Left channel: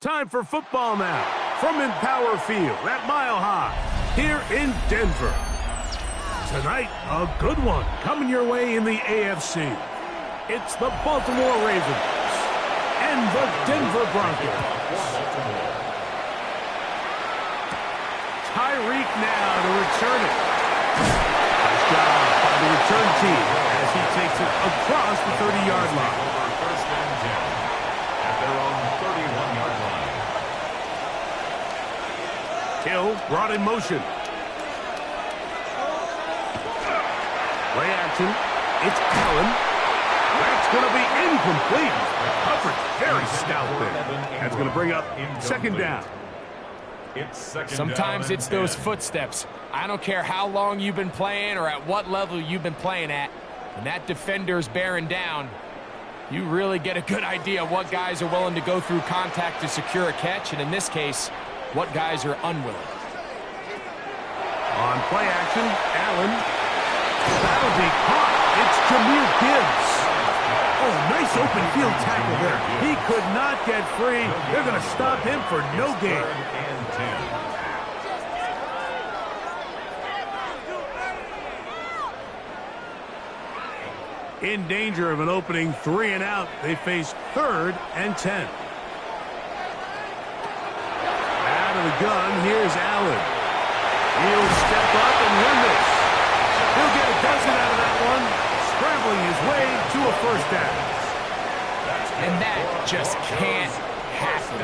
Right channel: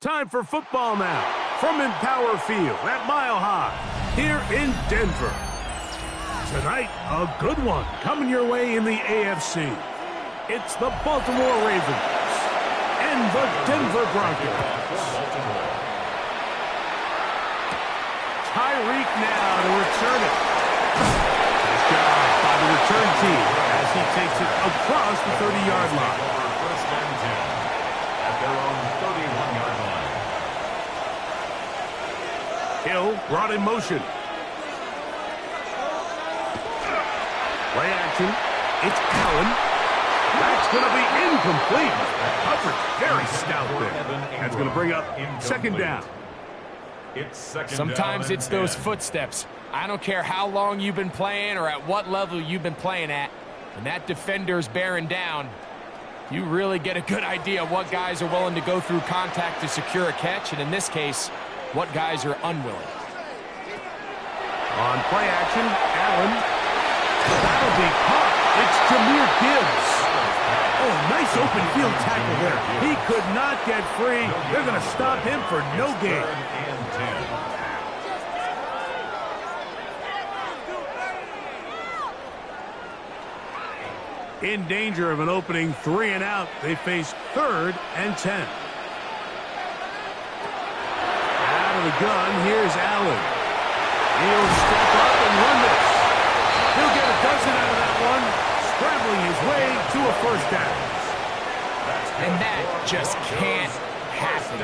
Time for football now from Empower Field at Mile High here in Denver. Tonight, a good one coming your way in the AFC. It's the Baltimore Ravens and the Denver Broncos. Tyreek now to return it. Nice job by the return team as he takes it across the 30-yard line. First and 10 at their own 31-yard line. Hill brought in motion. Play action. It's Allen. That's going to be incomplete. Coverage very stout there. That's going to bring up second down. Sometimes it's those footsteps. I don't care how long you've been playing or at what level you've been playing at. When that defender's bearing down, you really get a good idea of what guys are willing to go through contact to secure a catch, and in this case, what guys are unwilling. On play action, Allen. That'll be caught. It's Jahmyr Gibbs. Oh, nice open field tackle there. He could not get free. They're going to stop him for no gain. In danger of an opening 3 and out, they face 3rd and 10. Out of the gun, here's Allen. He'll step up and run this. He'll get a dozen out of that one, scrambling his way to a first down. And that just can't happen.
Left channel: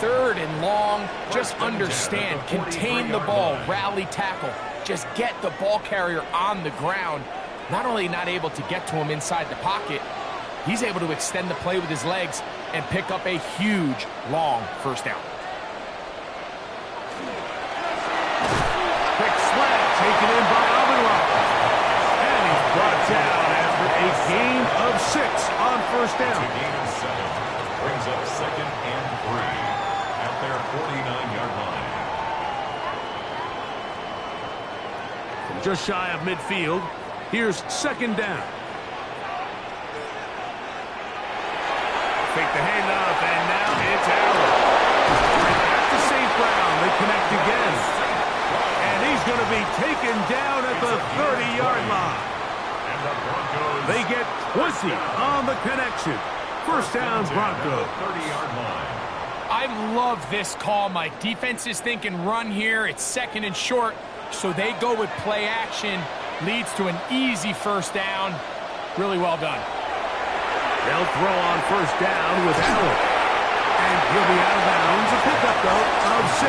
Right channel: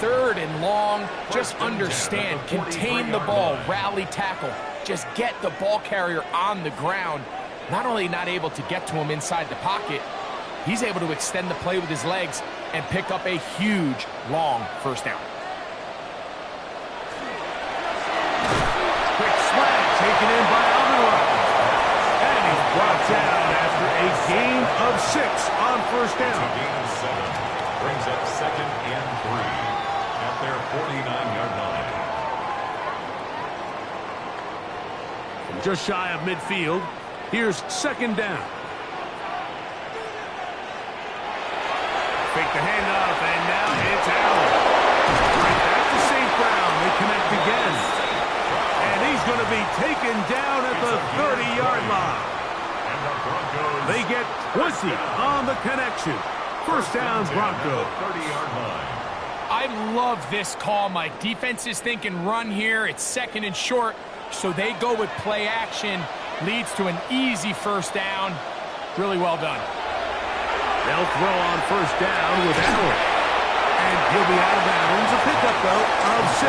3rd and long, just understand, contain the ball, rally tackle, just get the ball carrier on the ground. Not only not able to get to him inside the pocket, he's able to extend the play with his legs and pick up a huge, long first down. Quick slant taken in by Amon-Ra. And he's brought down after a gain of 6 on first down. A gain of 7 brings up 2nd and 3 at their 49-yard line. From just shy of midfield, here's 2nd down. Fake the handoff, and now it's Allen. Right back to St. Brown. They connect again. And he's going to be taken down at the 30-yard line. And the Broncos, they get 20 on the connection. First down, Broncos. 30-yard line. I love this call, Mike. Defense is thinking run here. It's 2nd and short, so they go with play action. Leads to an easy first down. Really well done. They'll throw on first down with Allen. And he'll be out of bounds. A pickup, though, of 6.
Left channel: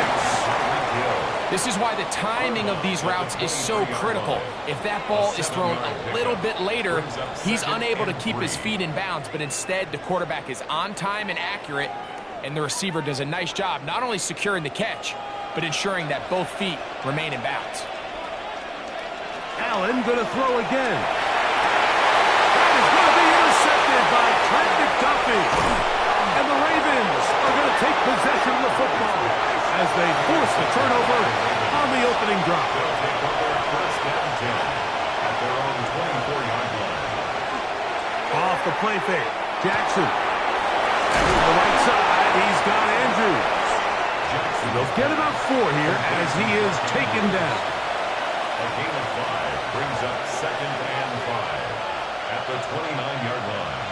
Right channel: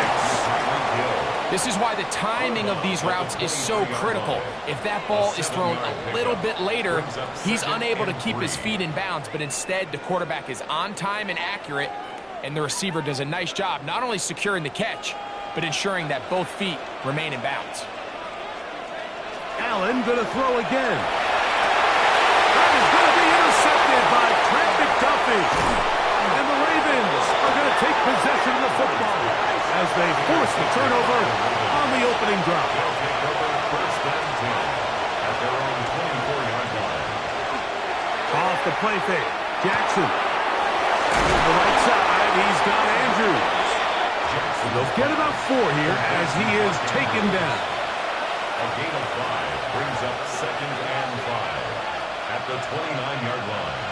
This is why the timing of these routes is so critical. If that ball is thrown a little bit later, he's unable to keep his feet in bounds, but instead the quarterback is on time and accurate, and the receiver does a nice job not only securing the catch, but ensuring that both feet remain in bounds. Allen going to throw again. That is going to be intercepted by Trent McDuffie. And the Ravens are going to take possession of the football as they force the turnover on the opening drop. They'll take over first and 10 at their own 24-yard line. Off the play fake, Jackson. To the right side, he's got Andrews. They'll get about 4 here as he is taken down. A gain of 5 brings up 2nd and 5 at the 29-yard line.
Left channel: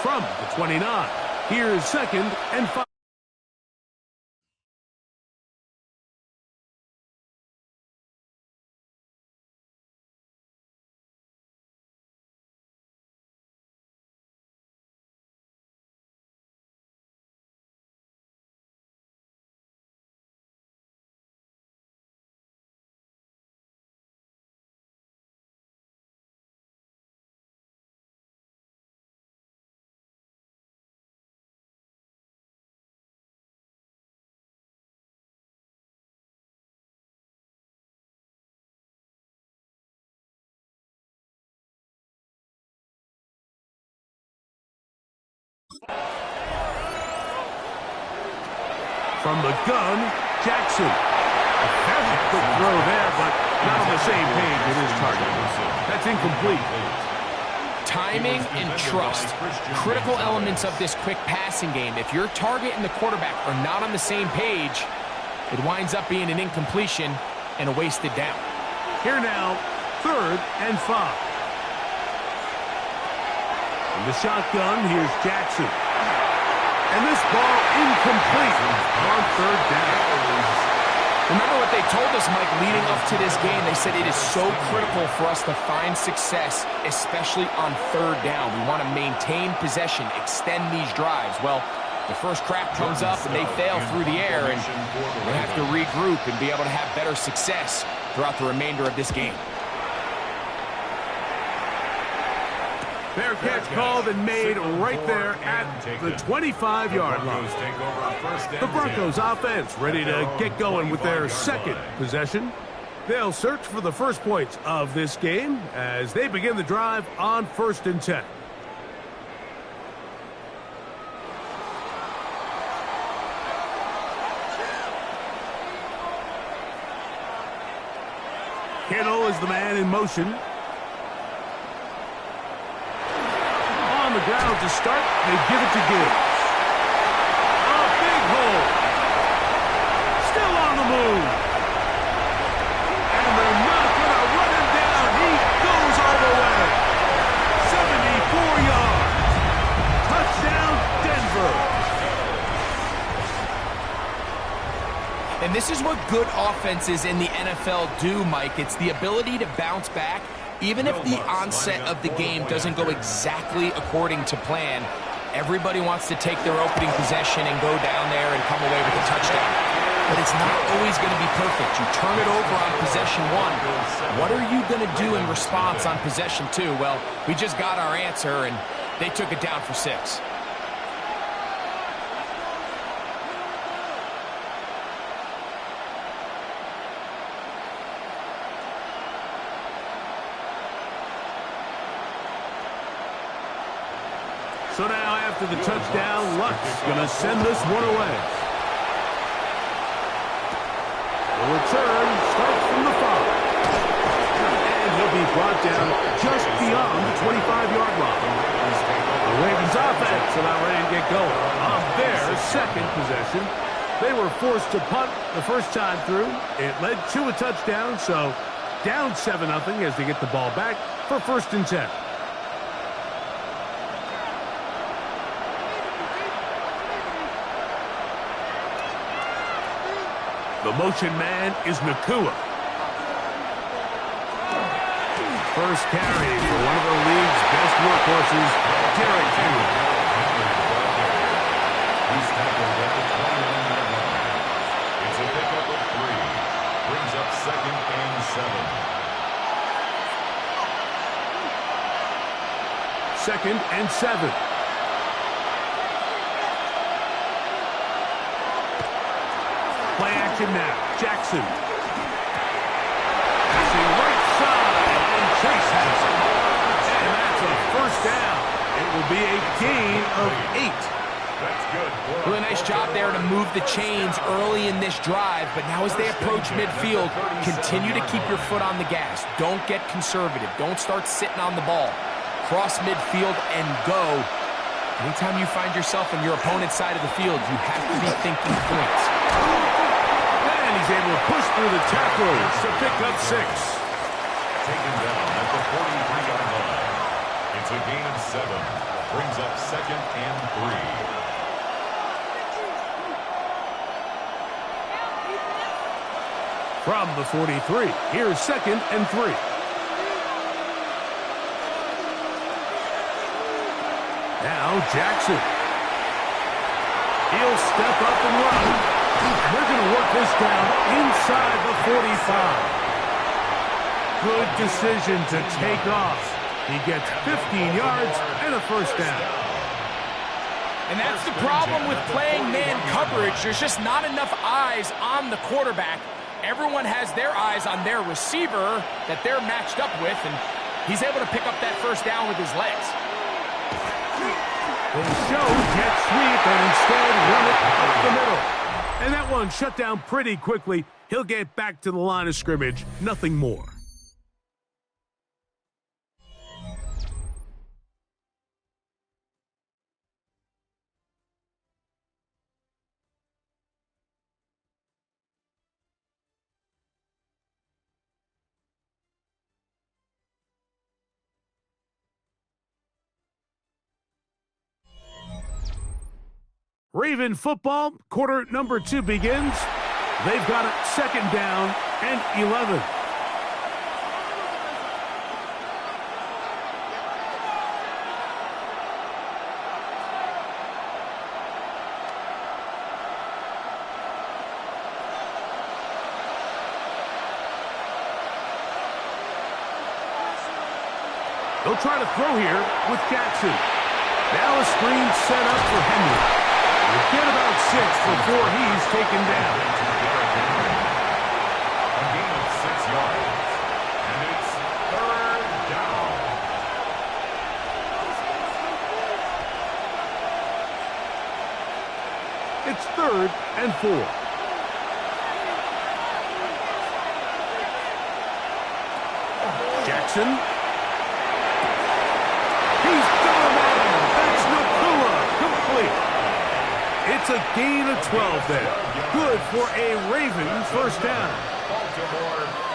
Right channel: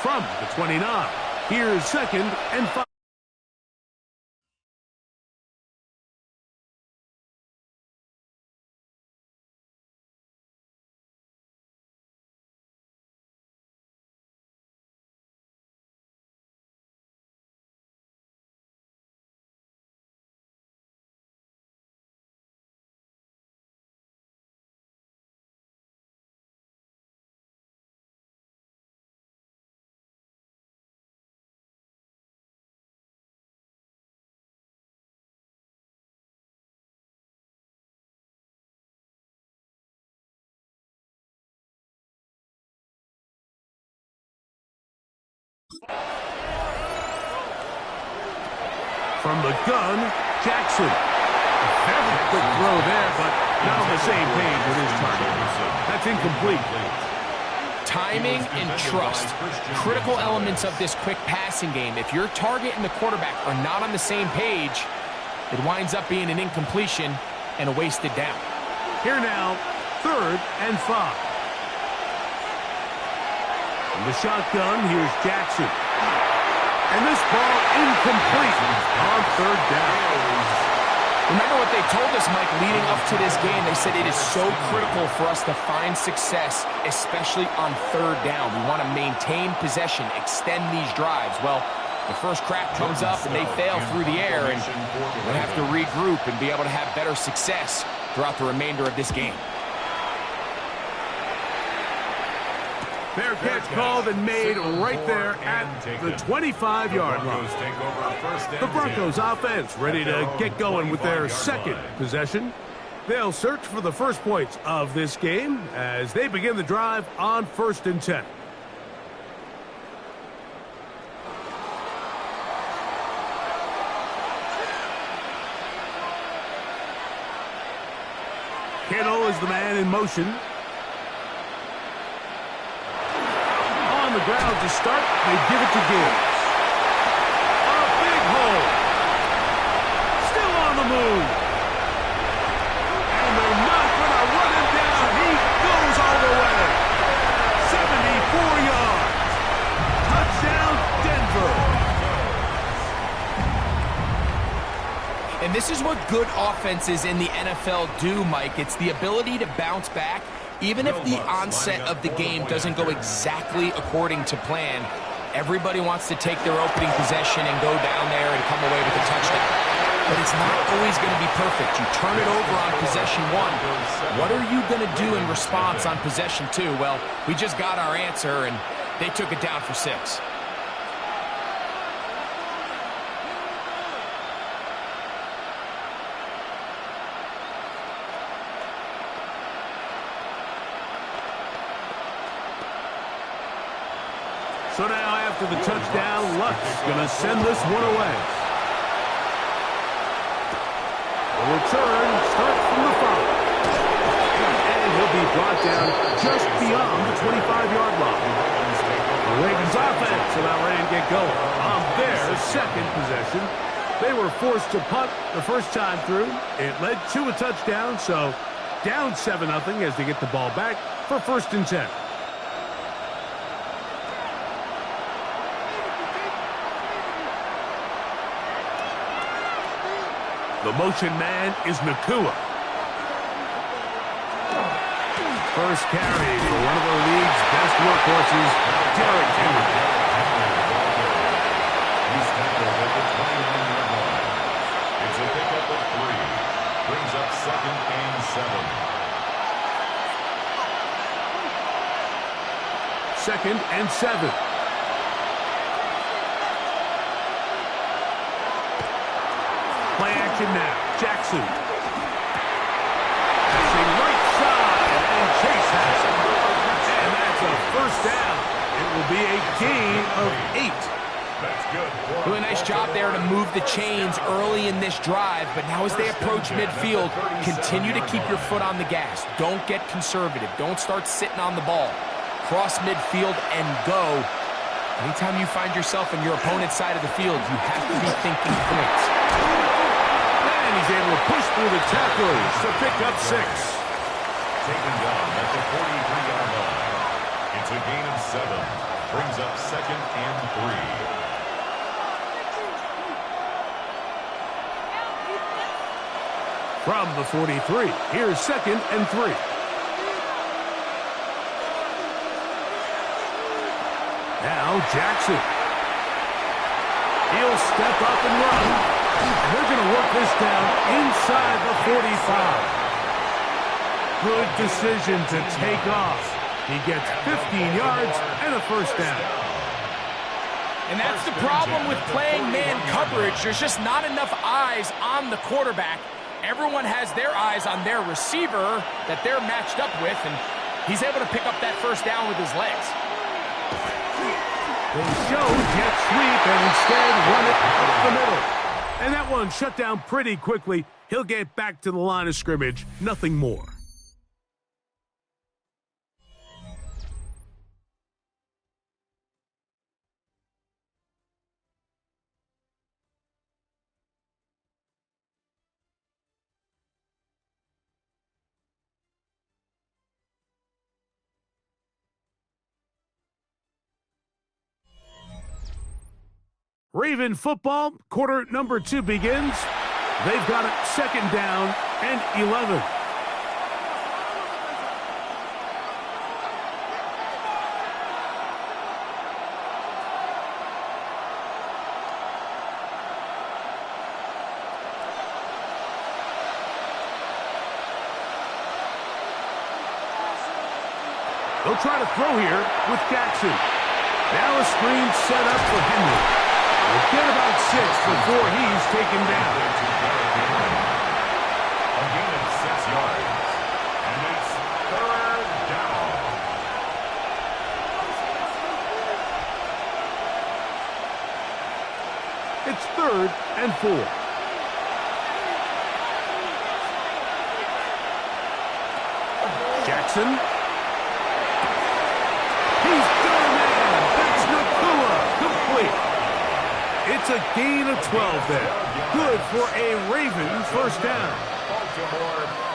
From the 29, here's 2nd and 5. From the gun, Jackson. A very quick throw there, but not on the same page with his target. That's incomplete. Timing and trust, critical elements of this quick passing game. If your target and the quarterback are not on the same page, it winds up being an incompletion and a wasted down. Here now, 3rd and 5. In the shotgun, here's Jackson. And this ball incomplete on 3rd down. Remember what they told us, Mike, leading up to this game. They said it is so critical for us to find success, especially on 3rd down. We want to maintain possession, extend these drives. Well, the first crack comes up and they fail through the air, and we're going to have to regroup and be able to have better success throughout the remainder of this game. Fair catch called and made right there at the 25-yard line. The Broncos offense ready to get going with their second possession. They'll search for the first points of this game as they begin the drive on 1st and 10. Kittle is the man in motion. On the ground to start, they give it to Gibbs. A big hole. Still on the move. And they're not going to run him down. He goes all the way. 74 yards. Touchdown, Denver. And this is what good offenses in the NFL do, Mike. It's the ability to bounce back. Even if the onset of the game doesn't go exactly according to plan, everybody wants to take their opening possession and go down there and come away with a touchdown. But it's not always going to be perfect. You turn it over on possession 1. What are you going to do in response on possession 2? Well, we just got our answer, and they took it down for 6. So now after the touchdown, Luck's going to send this one away. The return starts from the 5. And he'll be brought down just beyond the 25-yard line. The Ravens offense about ready to get going on their second possession. They were forced to punt the first time through. It led to a touchdown, so down 7-0 as they get the ball back for 1st and 10. The motion man is Nacua. First carry for one of the league's best workhorses, Derrick Henry. He's tackled at the 29-yard line. It's a pickup of 3. Brings up 2nd and 7. 2nd and 7. Play action now. Jackson. Passing right side, and Chase has it. And that's a first down. It will be a gain of 8. That's good. Really nice job there to move the chains early in this drive, but now as they approach midfield, continue to keep your foot on the gas. Don't get conservative. Don't start sitting on the ball. Cross midfield and go. Anytime you find yourself on your opponent's side of the field, you have to be thinking points. And he's able to push through the tacklers to pick up 6. Taken down at the 43-yard line. It's a gain of 7. Brings up 2nd and 3. From the 43, here's 2nd and 3. Now Jackson. He'll step up and run. And they're going to work this down inside the 45. Good decision to take off. He gets 15 yards and a first down. And that's the problem with playing man coverage. There's just not enough eyes on the quarterback. Everyone has their eyes on their receiver that they're matched up with, and he's able to pick up that first down with his legs. They show jet sweep and instead run it up the middle. And that one shut down pretty quickly. He'll get back to the line of scrimmage. Nothing more. Raven football, quarter number 2 begins. They've got it 2nd down and 11. They'll try to throw here with Jackson. Now a screen set up for Henry. We'll get about 6 before he's taken down. A gain of 6 yards. And it's 3rd down. It's 3rd and 4. Jackson. He's got a man. That's Nacua. Complete. It's a gain of 12 there. Good for a Raven 1st down.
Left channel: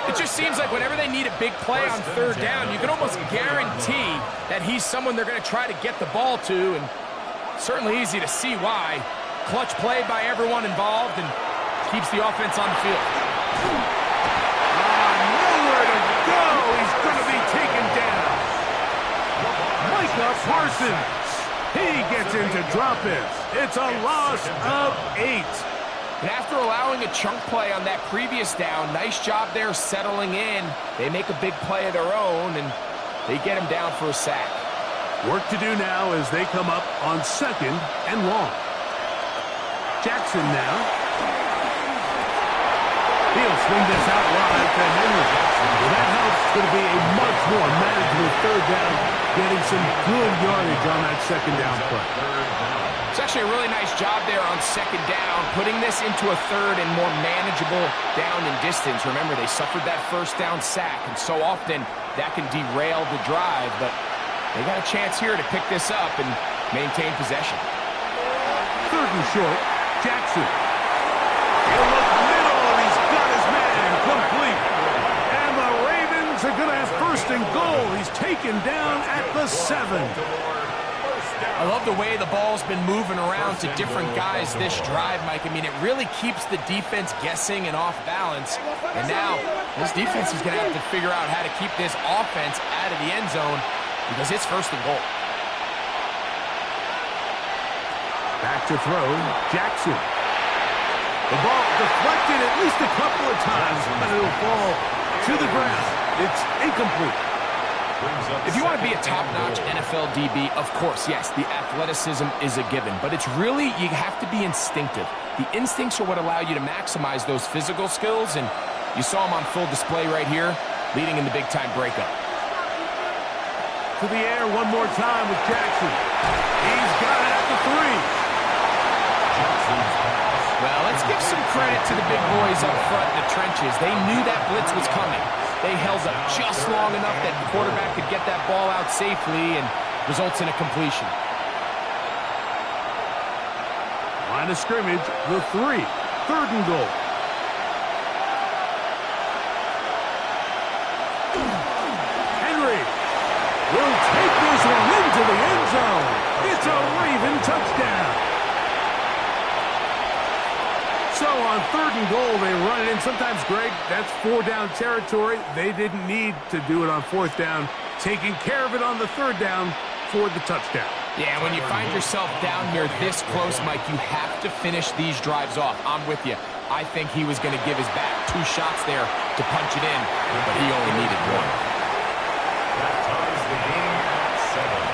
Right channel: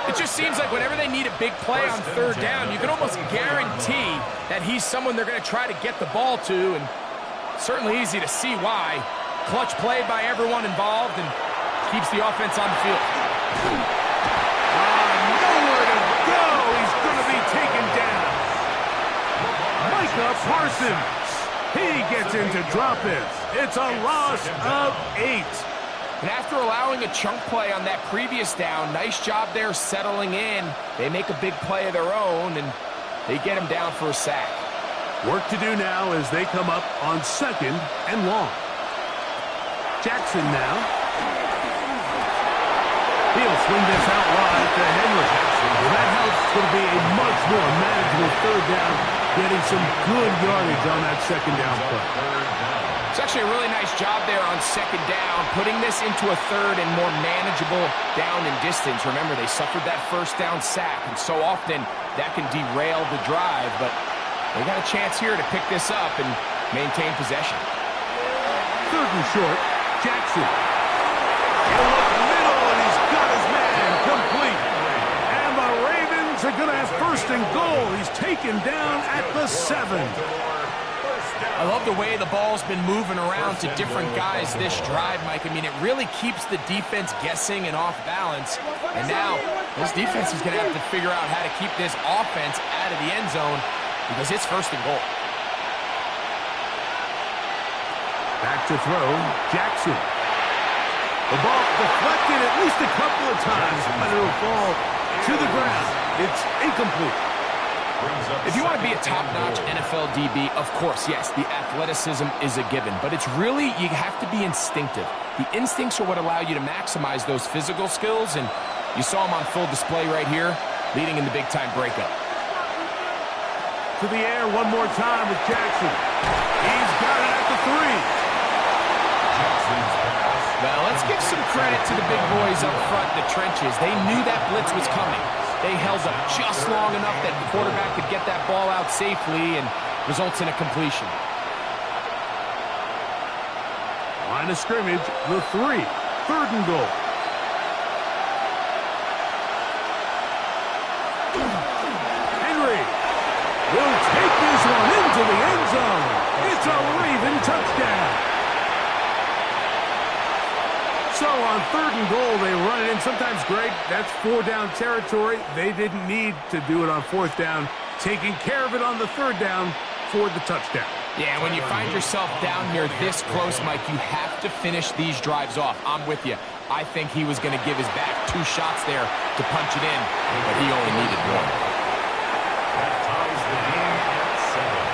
It just seems like whenever they need a big play on 3rd down, you can almost guarantee that he's someone they're going to try to get the ball to, and certainly easy to see why. Clutch play by everyone involved and keeps the offense on the field. Nowhere to go. He's going to be taken down. Micah Parsons. He gets into drop-in. It's a loss of 8. And after allowing a chunk play on that previous down, nice job there settling in. They make a big play of their own, and they get him down for a sack. Work to do now as they come up on 2nd and long. Jackson now. He'll swing this out wide to Henry. Well, that helps. It's going to be a much more manageable 3rd down, getting some good yardage on that 2nd down play. It's actually a really nice job there on 2nd down, putting this into a 3rd and more manageable down and distance. Remember, they suffered that 1st down sack, and so often that can derail the drive, but they got a chance here to pick this up and maintain possession. 3rd and short, Jackson. He'll look middle, and he's got his man complete. And the Ravens are going to have 1st and goal. He's taken down at the 7. I love the way the ball's been moving around to different guys this drive, Mike. I mean, it really keeps the defense guessing and off balance. And now this defense is going to have to figure out how to keep this offense out of the end zone because it's 1st and goal. Back to throw, Jackson. The ball deflected at least a couple of times, but it'll fall to the ground. It's incomplete. If you want to be a top-notch NFL DB, of course, yes, the athleticism is a given. But it's really, you have to be instinctive. The instincts are what allow you to maximize those physical skills, and you saw them on full display right here, leading in the big-time breakup. To the air one more time with Jackson. He's got it at the 3. Jackson's pass. Well, let's give some credit to the big boys up front in the trenches. They knew that blitz was coming. They held up just long enough that the quarterback could get that ball out safely and results in a completion. Line of scrimmage, the 3. 3rd and goal. Henry will take this one into the end zone. It's a Raven touchdown. So on 3rd and goal, they run it in. Sometimes, Greg, that's 4-down territory. They didn't need to do it on 4th down. Taking care of it on the 3rd down for the touchdown. Yeah, when you find yourself down here this close, Mike, you have to finish these drives off. I'm with you. I think he was going to give his back 2 shots there to punch it in, but he only needed 1. That ties the game at 7.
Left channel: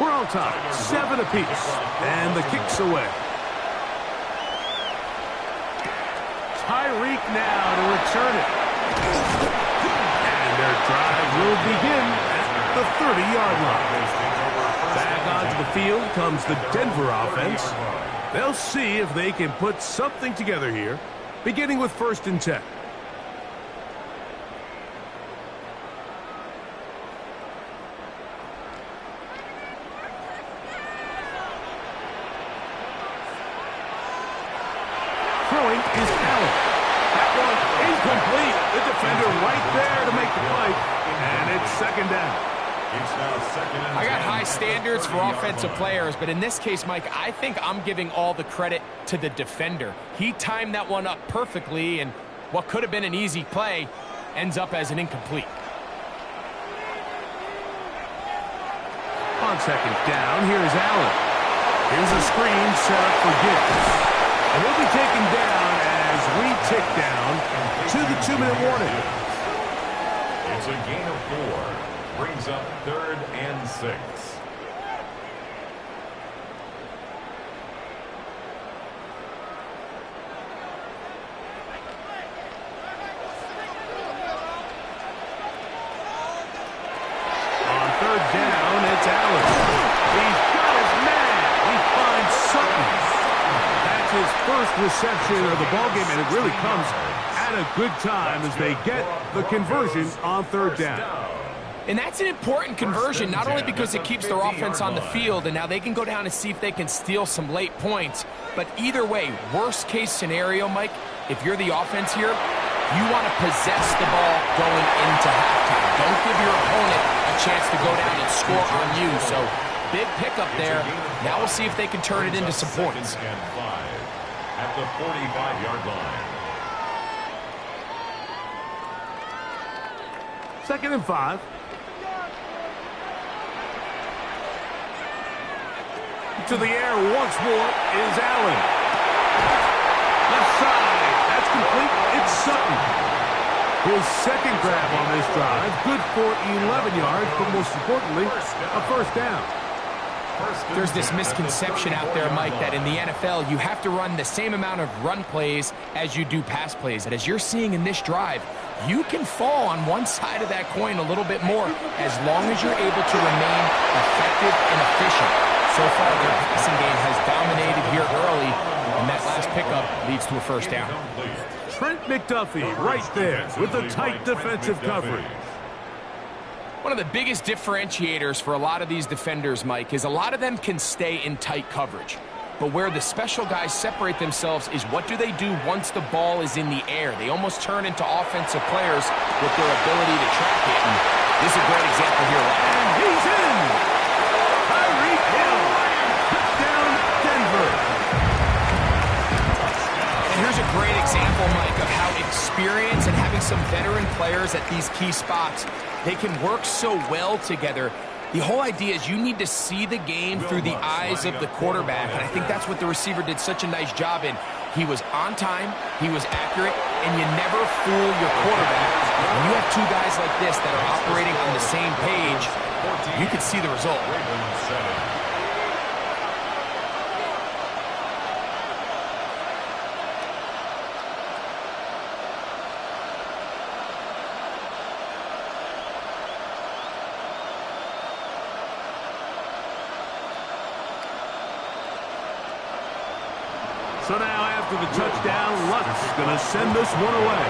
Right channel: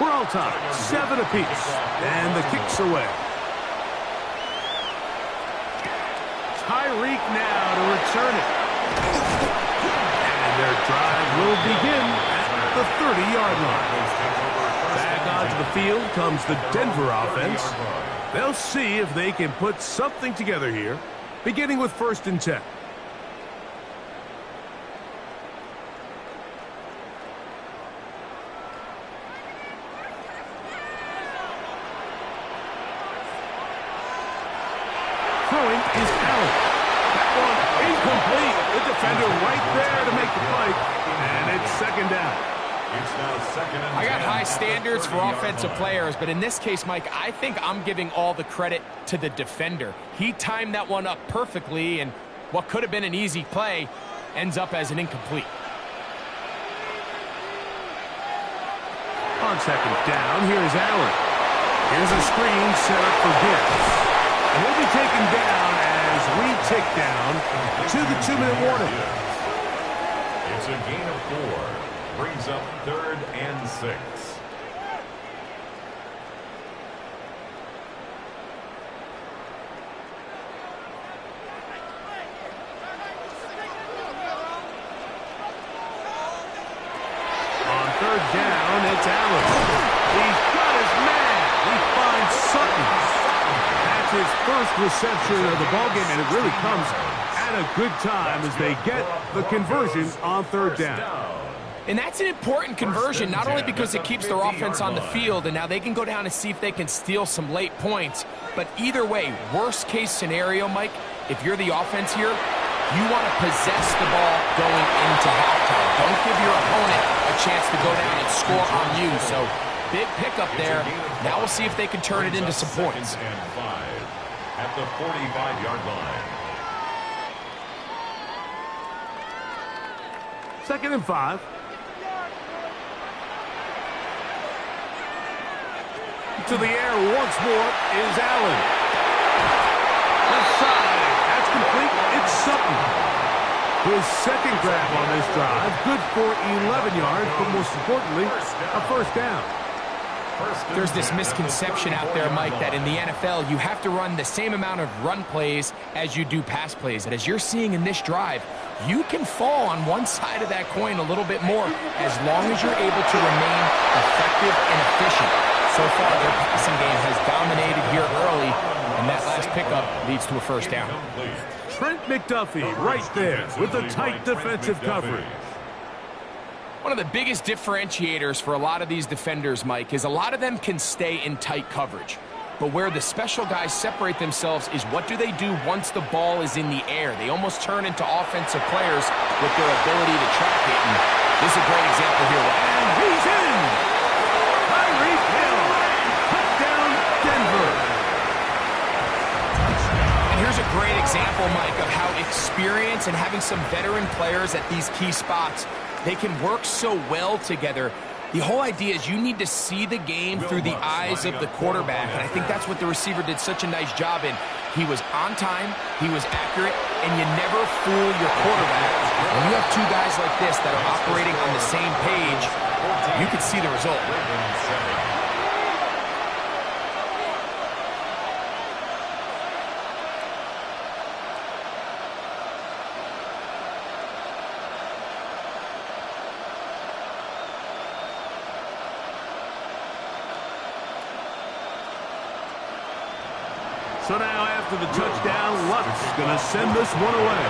We're all tied, 7 apiece, and the kick's away. Tyreek now to return it. And their drive will begin at the 30-yard line. Back onto the field comes the Denver offense. They'll see if they can put something together here, beginning with 1st and 10. Throwing is Allen. That one incomplete. The defender right there to make the play. And it's 2nd down. It's now 2nd and 10. I got high standards for offensive players, but in this case, Mike, I think I'm giving all the credit to the defender. He timed that one up perfectly, and what could have been an easy play ends up as an incomplete. On 2nd down, here's Allen. Here's a screen set up for Gibbs. And he'll be taken down as we tick down to the 2-minute warning. It's a gain of 4. Brings up 3rd and 6. On 3rd down, it's Allen. He's got his man. He finds Sutton. That's his first reception of the ballgame, and it really comes at a good time as they get the conversion on 3rd down. And that's an important conversion, not only because it keeps their offense on the field, and now they can go down and see if they can steal some late points. But either way, worst case scenario, Mike, if you're the offense here, you want to possess the ball going into halftime. Don't give your opponent a chance to go down and score on you. So big pickup there. Now we'll see if they can turn it into some points. And 5 at the 45-yard line. 2nd and 5. To the air once more is Allen. Left side. That's complete. It's Sutton. His 2nd grab on this drive. Good for 11 yards, but most importantly, a 1st down. There's this misconception out there, Mike, that in the NFL, you have to run the same amount of run plays as you do pass plays. And as you're seeing in this drive, you can fall on one side of that coin a little bit more as long as you're able to remain effective and efficient. So far, their passing game has dominated here early, and that last pickup leads to a 1st down. Trent McDuffie right there with the tight defensive coverage. One of the biggest differentiators for a lot of these defenders, Mike, is a lot of them can stay in tight coverage. But where the special guys separate themselves is what do they do once the ball is in the air. They almost turn into offensive players with their ability to track it. And this is a great example here. And he's in! Tyreek Hill! Touchdown, Denver! And here's a great example, Mike, of how experience and having some veteran players at these key spots, they can work so well together. The whole idea is you need to see the game through the eyes of the quarterback, and I think that's what the receiver did such a nice job in. He was on time, he was accurate, and you never fool your quarterback. When you have two guys like this that are operating on the same page, you can see the result. So now after the touchdown, Luck's going to send this one away.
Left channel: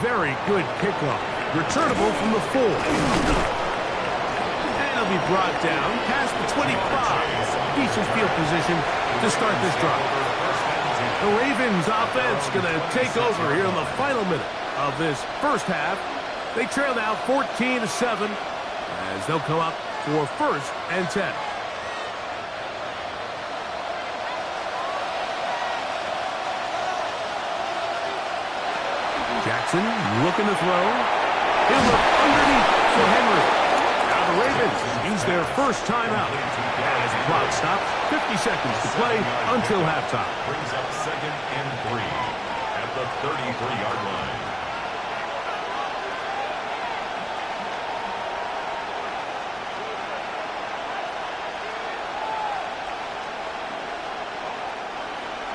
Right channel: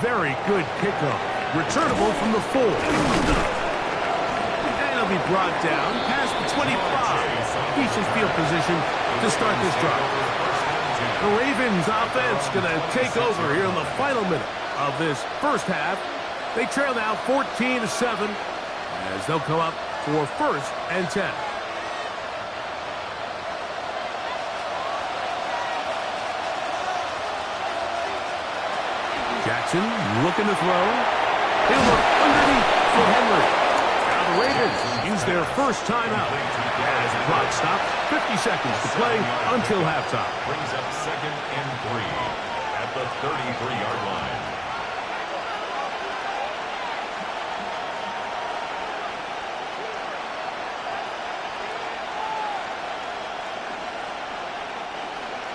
Very good kickoff. Returnable from the 4. And he'll be brought down past the 25. Decent field position to start this drive. The Ravens offense going to take over here in the final minute of this first half. They trail now 14-7 as they'll come up for 1st and 10. Jackson looking to throw. He'll look underneath for Henry. Now the Ravens use their first timeout. As the clock stops, 50 seconds to play until halftime. Brings up 2nd and 3 at the 33-yard line.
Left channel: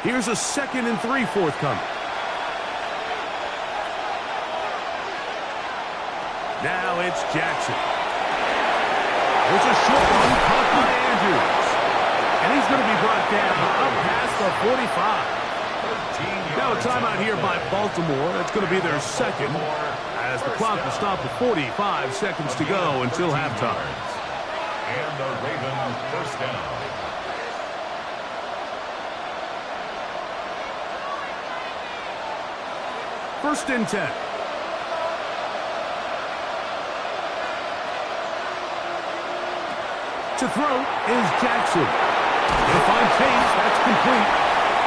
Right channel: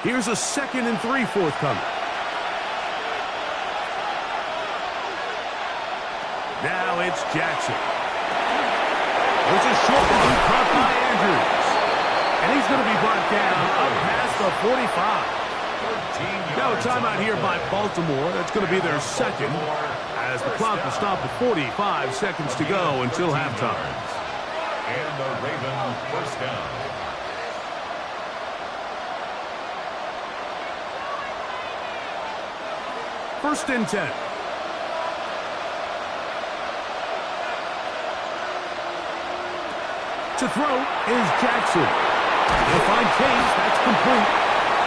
Here's a 2nd and 3 forthcoming. Now it's Jackson. There's a short one caught by Andrews. And he's going to be brought down up past the 45. Now a timeout here by Baltimore. That's going to be their 2nd, as the clock will stop at 45 seconds to go until halftime. And the Ravens first down. First and 10. To throw is Jackson. He'll find Chase. That's complete.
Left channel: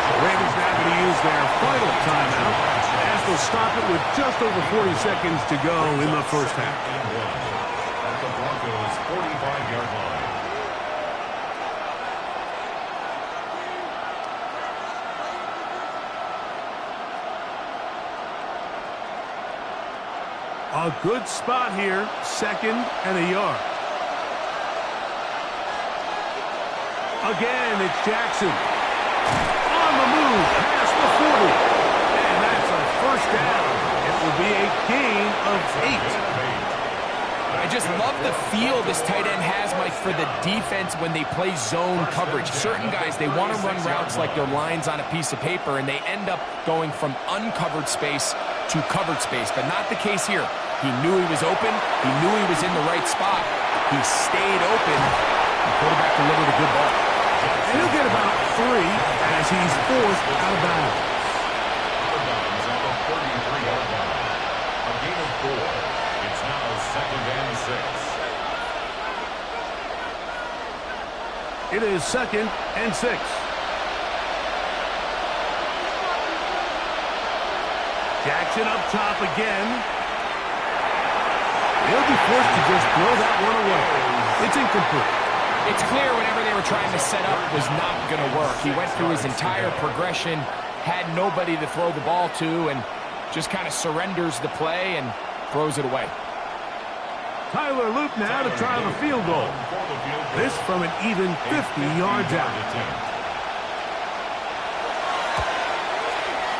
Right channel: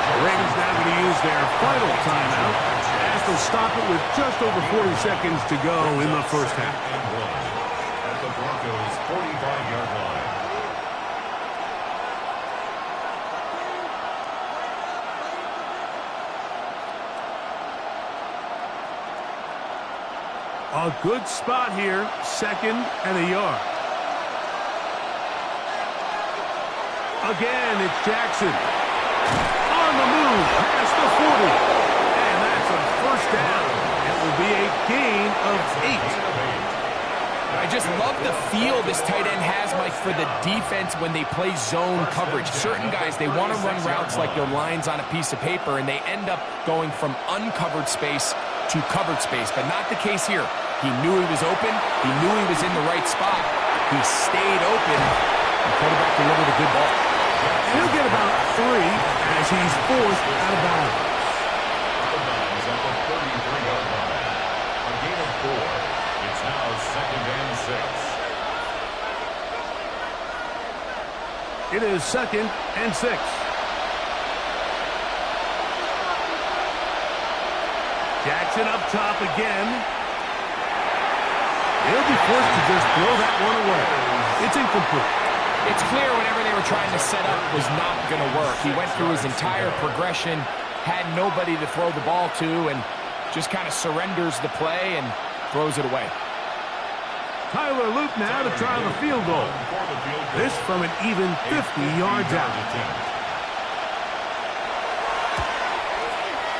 The Ravens now going to use their final timeout as they'll stop it with just over 40 seconds to go in the first half. At the Broncos' 45-yard line. A good spot here, 2nd and a yard. Again, it's Jackson. On the move, past the 40. And that's a first down. It will be a gain of 8. I just love the feel this tight end has, Mike, for the defense when they play zone coverage. Certain guys, they want to run routes like they're lines on a piece of paper, and they end up going from uncovered space to covered space, but not the case here. He knew he was open. He knew he was in the right spot. He stayed open. The quarterback delivered a good ball. And he'll get about 3 as he's forced out of bounds. Out of bounds at the 33-yard line. A gain of 4. It's now 2nd and 6. It is 2nd and 6. Jackson up top again. He'll be forced to just throw that one away. It's incomplete. It's clear whatever they were trying to set up was not going to work. He went through his entire progression, had nobody to throw the ball to, and just kind of surrenders the play and throws it away. Tyler Loop now to try the field goal. This from an even 50 yards out.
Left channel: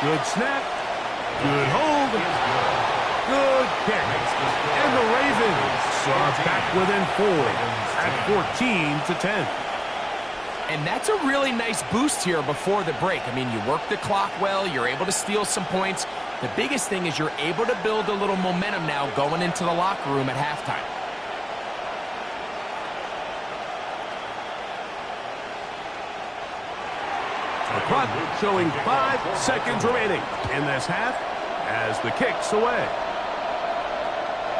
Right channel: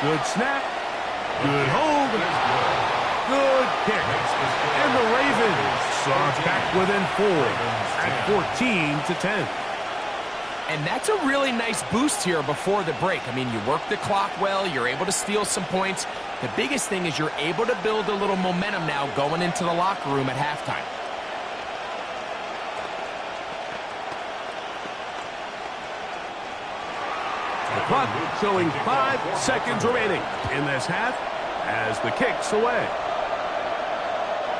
Good snap. Good hold. Good kick. And the Ravens are back within 4 at 14-10. And that's a really nice boost here before the break. I mean, you work the clock well. You're able to steal some points. The biggest thing is you're able to build a little momentum now going into the locker room at halftime. The clock showing 5 seconds remaining in this half as the kick's away.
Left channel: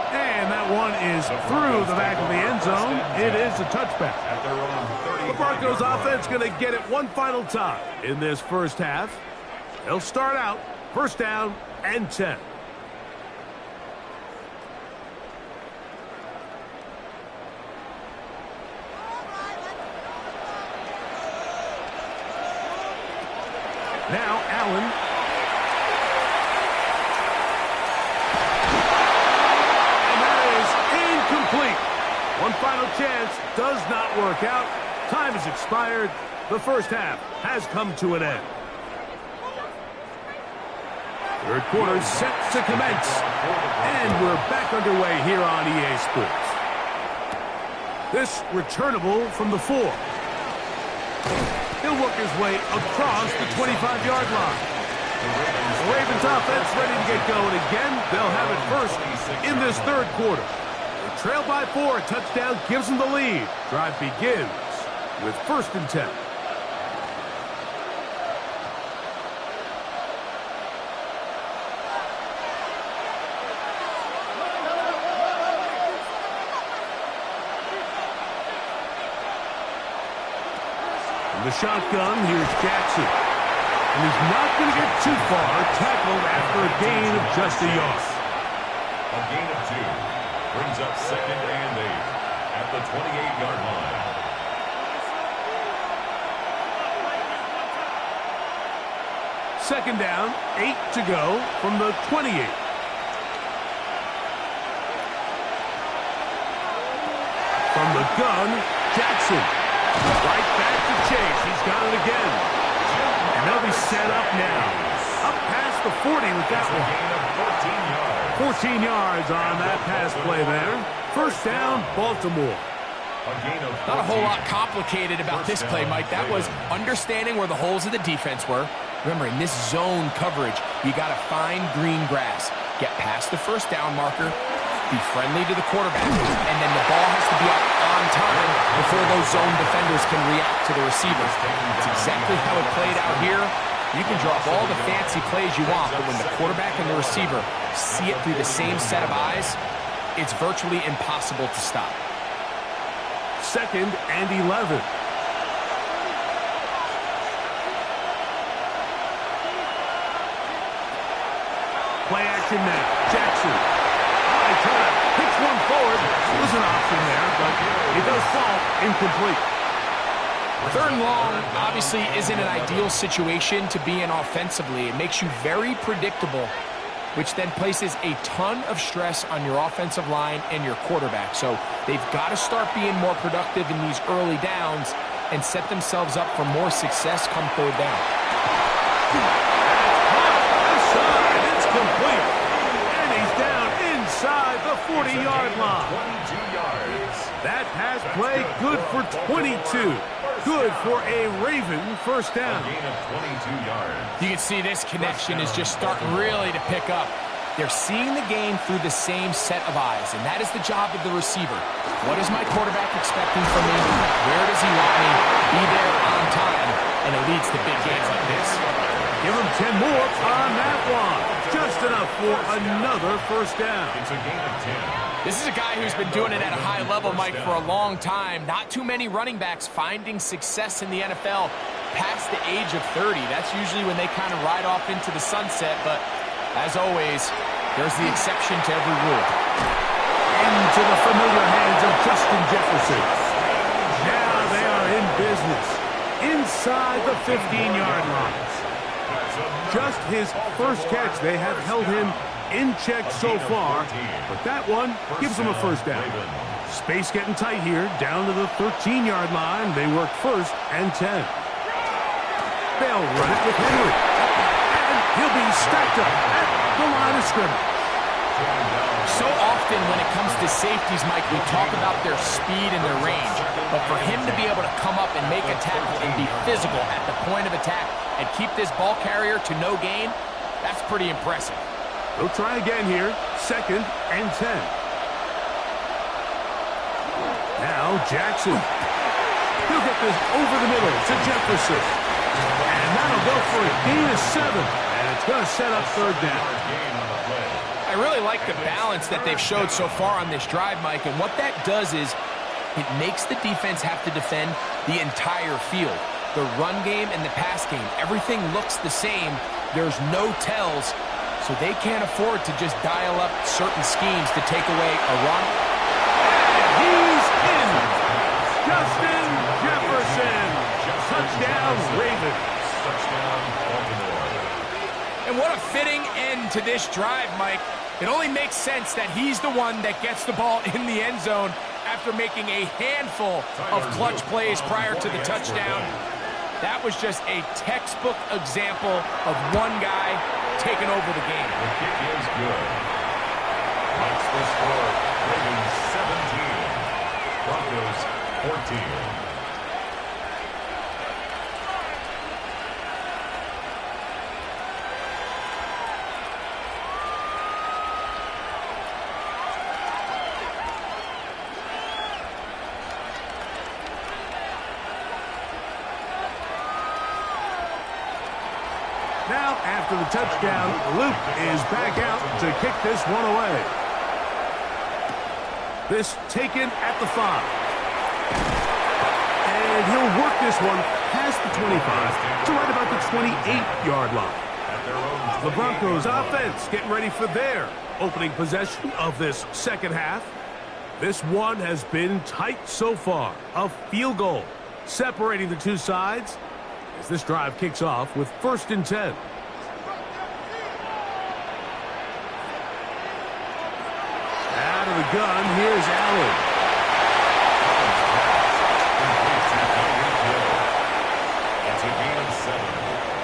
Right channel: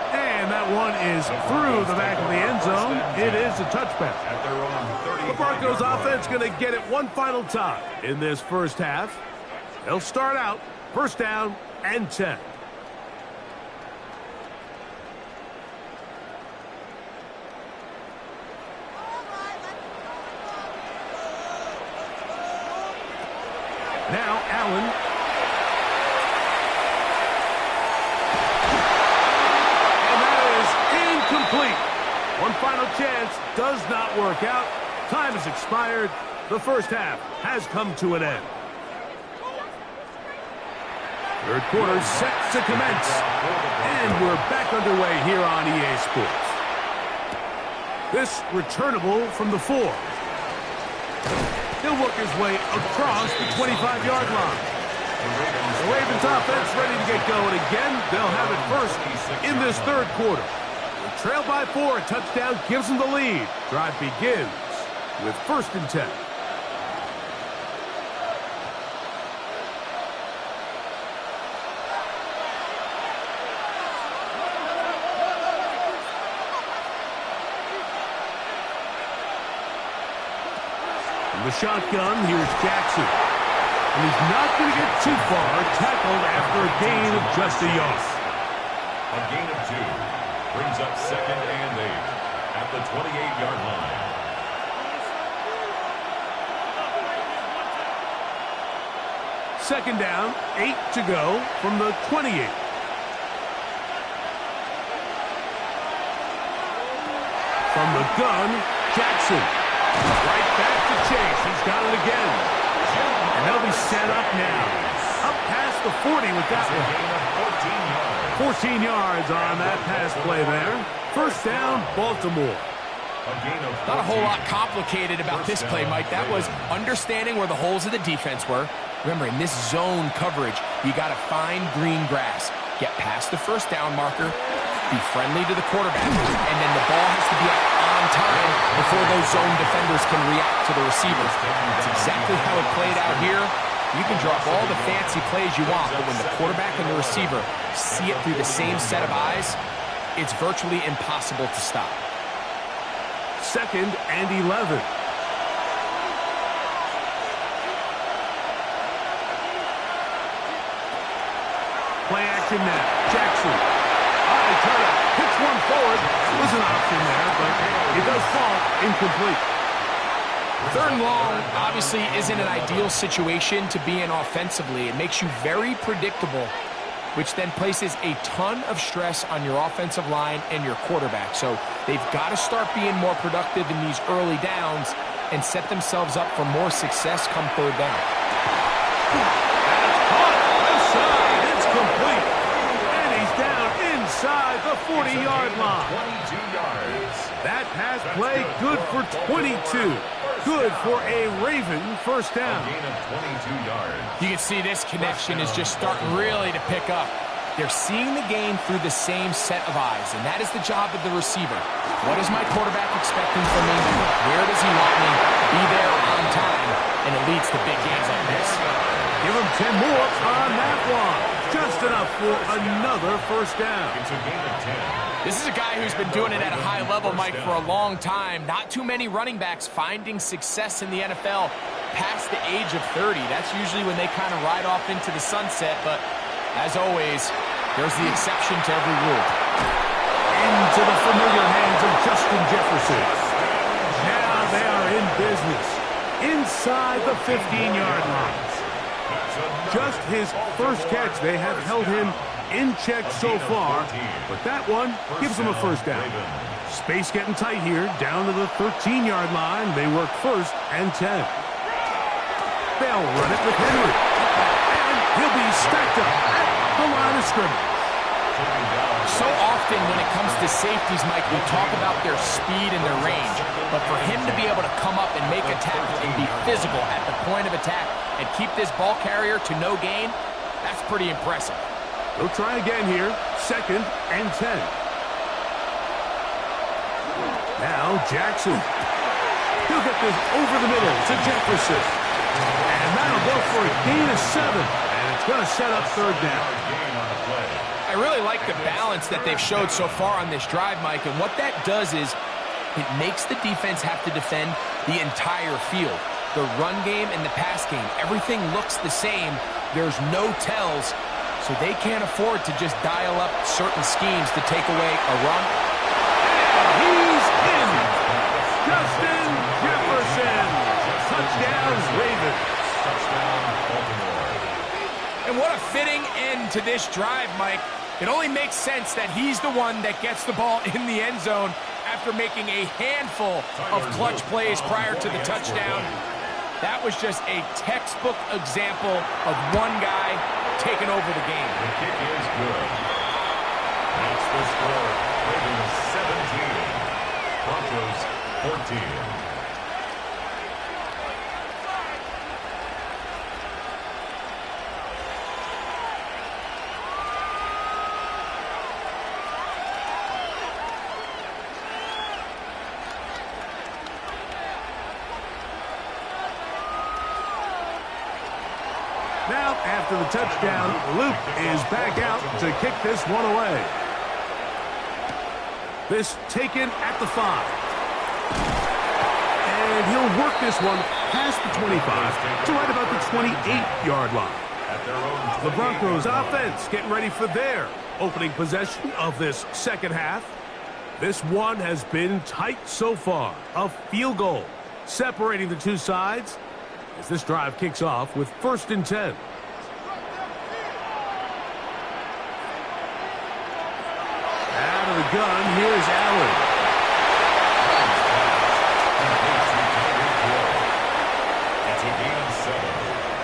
And that one is through the back of the end zone. It is a touchback. The Broncos offense going to get it one final time in this first half. They'll start out first down and 10. Now Allen. And that is incomplete. One final chance does not work out. Time has expired. The first half has come to an end. Third quarter set to commence. And we're back underway here on EA Sports. This returnable from the 4. He'll work his way across the 25-yard line. The Ravens offense ready to get going again. They'll have it first in this third quarter. They trail by 4. A touchdown gives them the lead. Drive begins with 1st and 10. From the shotgun, here's Jackson. And he's not going to get too far, tackled after a gain of just a yard. A gain of 2 brings up 2nd and 8 at the 28-yard line. Second down, 8 to go from the 28. From the gun, Jackson. Right back to Chase. He's got it again. And they'll be set up now. Up past the 40 with that one. Gain of 14 yards. 14 yards on that pass play there. First down, Baltimore. Not a whole lot complicated about this play, Mike. That was understanding where the holes of the defense were. Remember, in this zone coverage, you got to find green grass. Get past the first down marker, be friendly to the quarterback, and then the ball has to be out on time before those zone defenders can react to the receiver. That's exactly how it played out here. You can draw up all the fancy plays you want, but when the quarterback and the receiver see it through the same set of eyes, it's virtually impossible to stop. 2nd and 11. Play action now. Jackson. I try to pitch one forward. It was an option there, but it does fall incomplete. 3rd and long obviously isn't an ideal situation to be in offensively. It makes you very predictable, which then places a ton of stress on your offensive line and your quarterback. So they've got to start being more productive in these early downs and set themselves up for more success come 3rd down. That's caught. Left side. It's complete. And he's down inside the 40-yard line. 22 yards. That pass play good for 22. Good for a Raven first down. A gain of 22 yards. You can see this connection is just starting really to pick up. They're seeing the game through the same set of eyes, and that is the job of the receiver. What is my quarterback expecting from me? Where does he want me? Be there on time, and it leads to big gains like this. Give him 10 more on that one. Just enough for another first down. It's a gain of 10. This is a guy who's been doing it at a high level, Mike, for a long time. Not too many running backs finding success in the NFL past the age of 30. That's usually when they kind of ride off into the sunset, but as always, there's the exception to every rule. Into the familiar hands of Justin Jefferson. Now they are in business. Inside the 15-yard line. Just his first catch. They have held him in check so far, but that one gives him a first down. Space getting tight here, down to the 13-yard line. They work 1st and 10. They'll run it with Henry, and he'll be stacked up at the line of scrimmage. So often when it comes to safeties, Mike, we talk about their speed and their range, but for him to be able to come up and make a tackle and be physical at the point of attack and keep this ball carrier to no gain, that's pretty impressive. They'll try again here, 2nd and 10. Now Jackson. He'll get this over the middle to Jefferson. And that'll go for a gain of 7. And it's going to set up 3rd down. I really like the balance that they've showed so far on this drive, Mike, and what that does is it makes the defense have to defend the entire field. The run game and the pass game, everything looks the same. There's no tells, so they can't afford to just dial up certain schemes to take away a run. And he's in. Justin Jefferson. Touchdown, Ravens. Touchdown, Baltimore. And what a fitting end to this drive, Mike. It only makes sense that he's the one that gets the ball in the end zone after making a handful of clutch plays prior to the touchdown. That was just a textbook example of one guy taking over the game. The kick is good. That's the score. Ravens 17. Broncos 14. Now, after the touchdown, Luke is back out to kick this one away. This taken at the 5. And he'll work this one past the 25 to right about the 28-yard line. The Broncos offense getting ready for their opening possession of this second half. This one has been tight so far. A field goal separating the two sides as this drive kicks off with 1st and 10. Out of the gun, here's Allen. It's a gain of 7.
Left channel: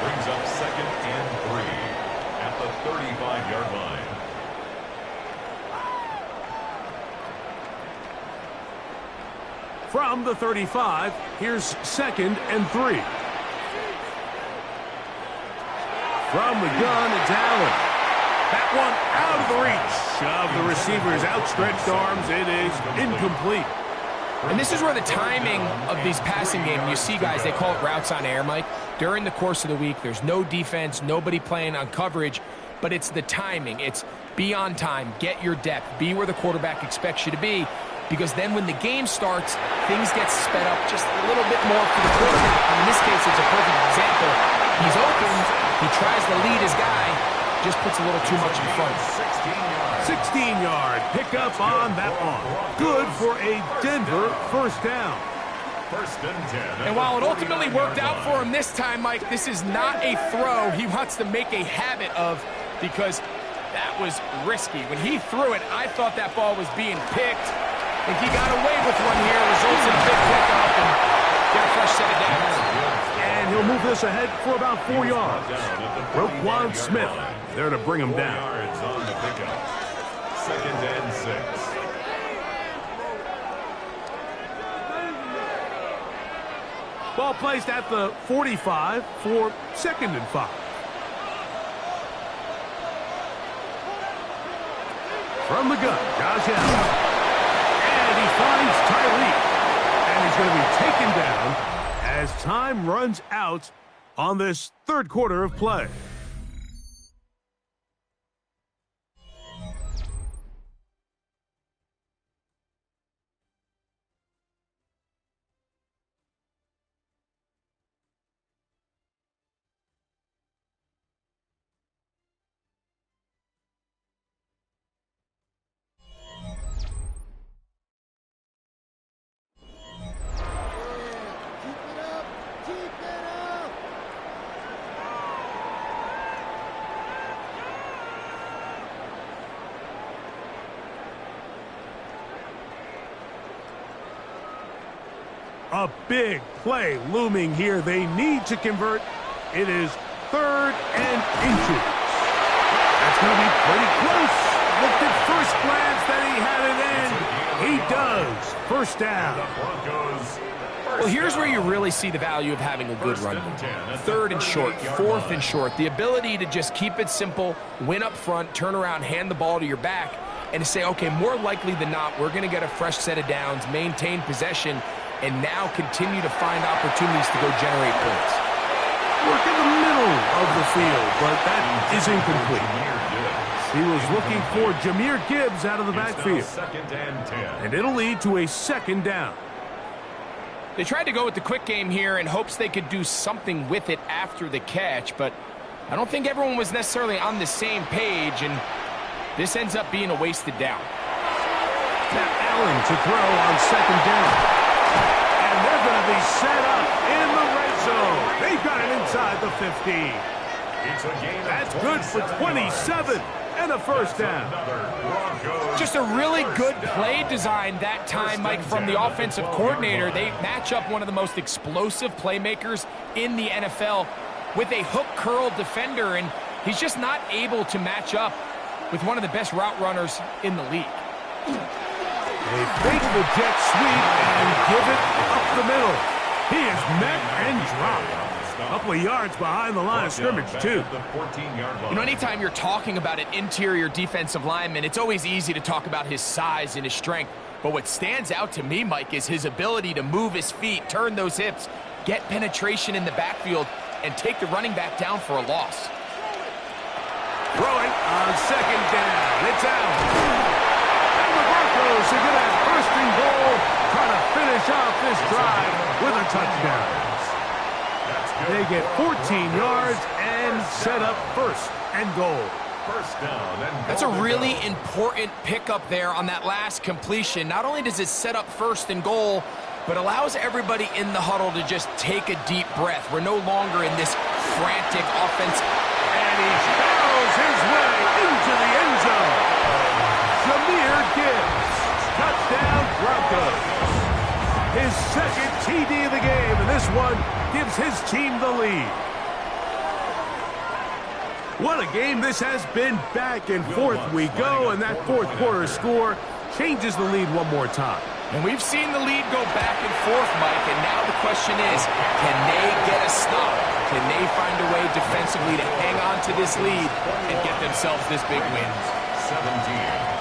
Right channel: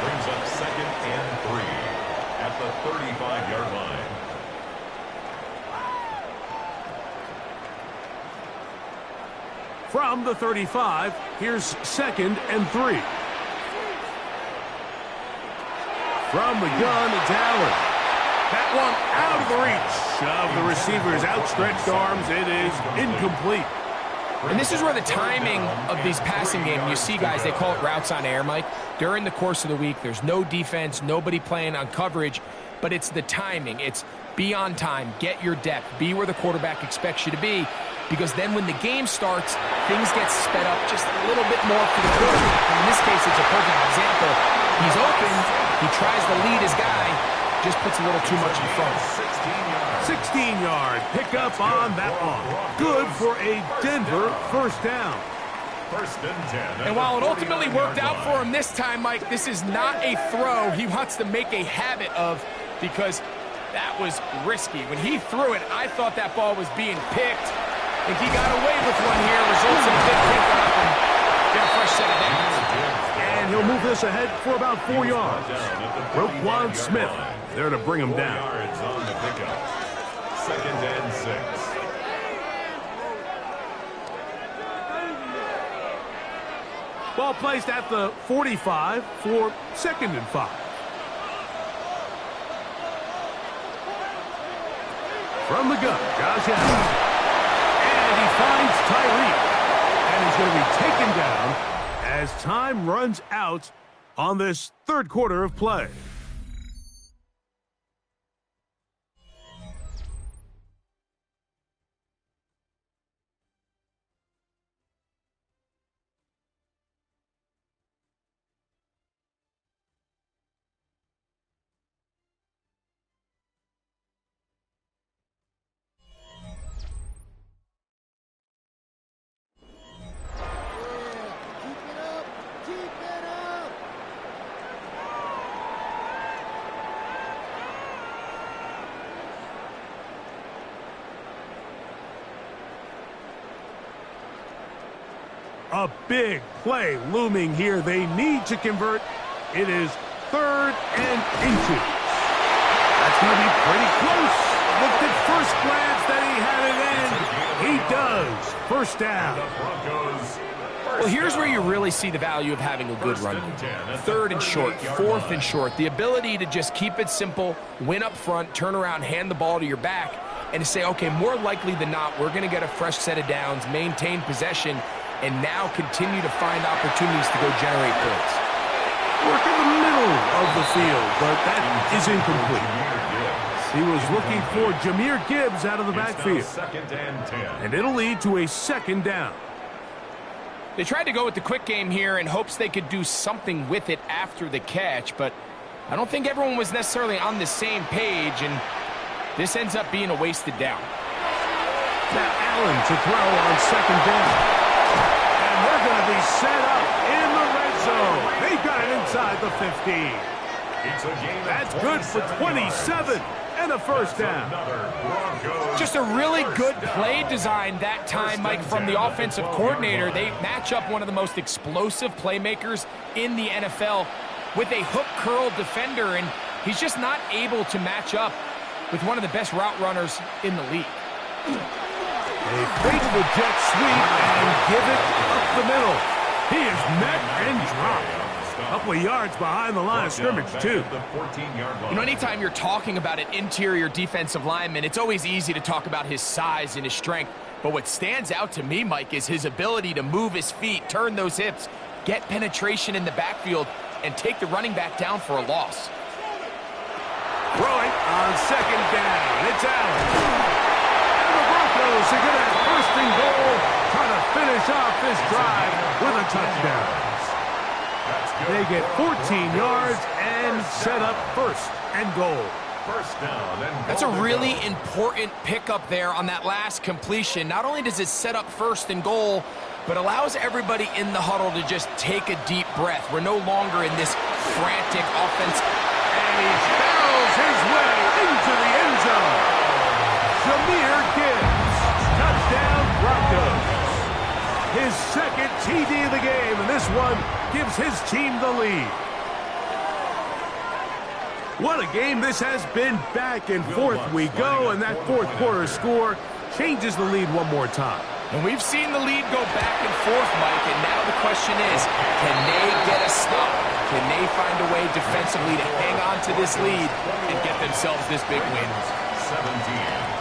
Brings up 2nd and 3 at the 35-yard line. From the 35, here's 2nd and 3. From the gun, it's Allen. That one out of the reach of the receiver's outstretched arms. It is incomplete. And this is where the timing of these passing games, you see guys, they call it routes on air, Mike. During the course of the week, there's no defense, nobody playing on coverage, but it's the timing. It's be on time, get your depth, be where the quarterback expects you to be, because then when the game starts, things get sped up just a little bit more for the quarterback. And in this case, it's a perfect example. He's open, he tries to lead his guy, just puts a little too much in front. 16-yard pickup on that one. Good for a Denver first down. 1st and 10. And while it ultimately worked out for him this time, Mike, this is not a throw he wants to make a habit of, because that was risky. When he threw it, I thought that ball was being picked. I think he got away with one here, results in a big pickup and get a fresh set of downs. And he'll move this ahead for about 4 yards. Roquan Smith there to bring him down. 4 yards on the pickup. 2nd and 6. Ball placed at the 45 for 2nd and 5. From the gun, Josh Allen. And he finds Tyreek. And he's going to be taken down as time runs out on this 3rd quarter of play. A big play looming here. They need to convert. It is 3rd and inches. That's going to be pretty close. Looked at first glance that he had it in. He does. First down. Well, here's where you really see the value of having a good run. 3rd and short, 4th and short. The ability to just keep it simple, win up front, turn around, hand the ball to your back, and to say, okay, more likely than not, we're going to get a fresh set of downs, maintain possession, and now continue to find opportunities to go generate points. Work in the middle of the field, but that is incomplete. He was looking for Jahmyr Gibbs out of the backfield. 2nd and 10. And it'll lead to a 2nd down. They tried to go with the quick game here in hopes they could do something with it after the catch, but I don't think everyone was necessarily on the same page, and this ends up being a wasted down. Now Allen to throw on 2nd down. And they're going to be set up in the red zone. They've got it inside the 15. That's good for 27 and a first down. Just a really good play design that time, Mike, from the offensive coordinator. They match up one of the most explosive playmakers in the NFL with a hook curl defender, and he's just not able to match up with one of the best route runners in the league. They fake the jet sweep and give it up the middle. He is met and dropped. A couple of yards behind the line of scrimmage, too. You know, anytime you're talking about an interior defensive lineman, it's always easy to talk about his size and his strength. But what stands out to me, Mike, is his ability to move his feet, turn those hips, get penetration in the backfield, and take the running back down for a loss. Throwing on 2nd down. It's Allen. And the Broncos are going to have 1st and goal, try to finish off this drive with a touchdown. They get 14 yards and set up 1st and goal. First down and that's a really important pickup there on that last completion. Not only does it set up 1st and goal, but allows everybody in the huddle to just take a deep breath. We're no longer in this frantic offense. And he barrels his way into the end zone. Jahmyr Gibbs, touchdown Broncos. His 2nd TD of the game, and this one gives his team the lead. What a game this has been. Back and forth we go, and that fourth quarter score changes the lead one more time. And we've seen the lead go back and forth, Mike, and now the question is, can they get a stop? Can they find a way defensively to hang on to this lead and get themselves this big win? 17.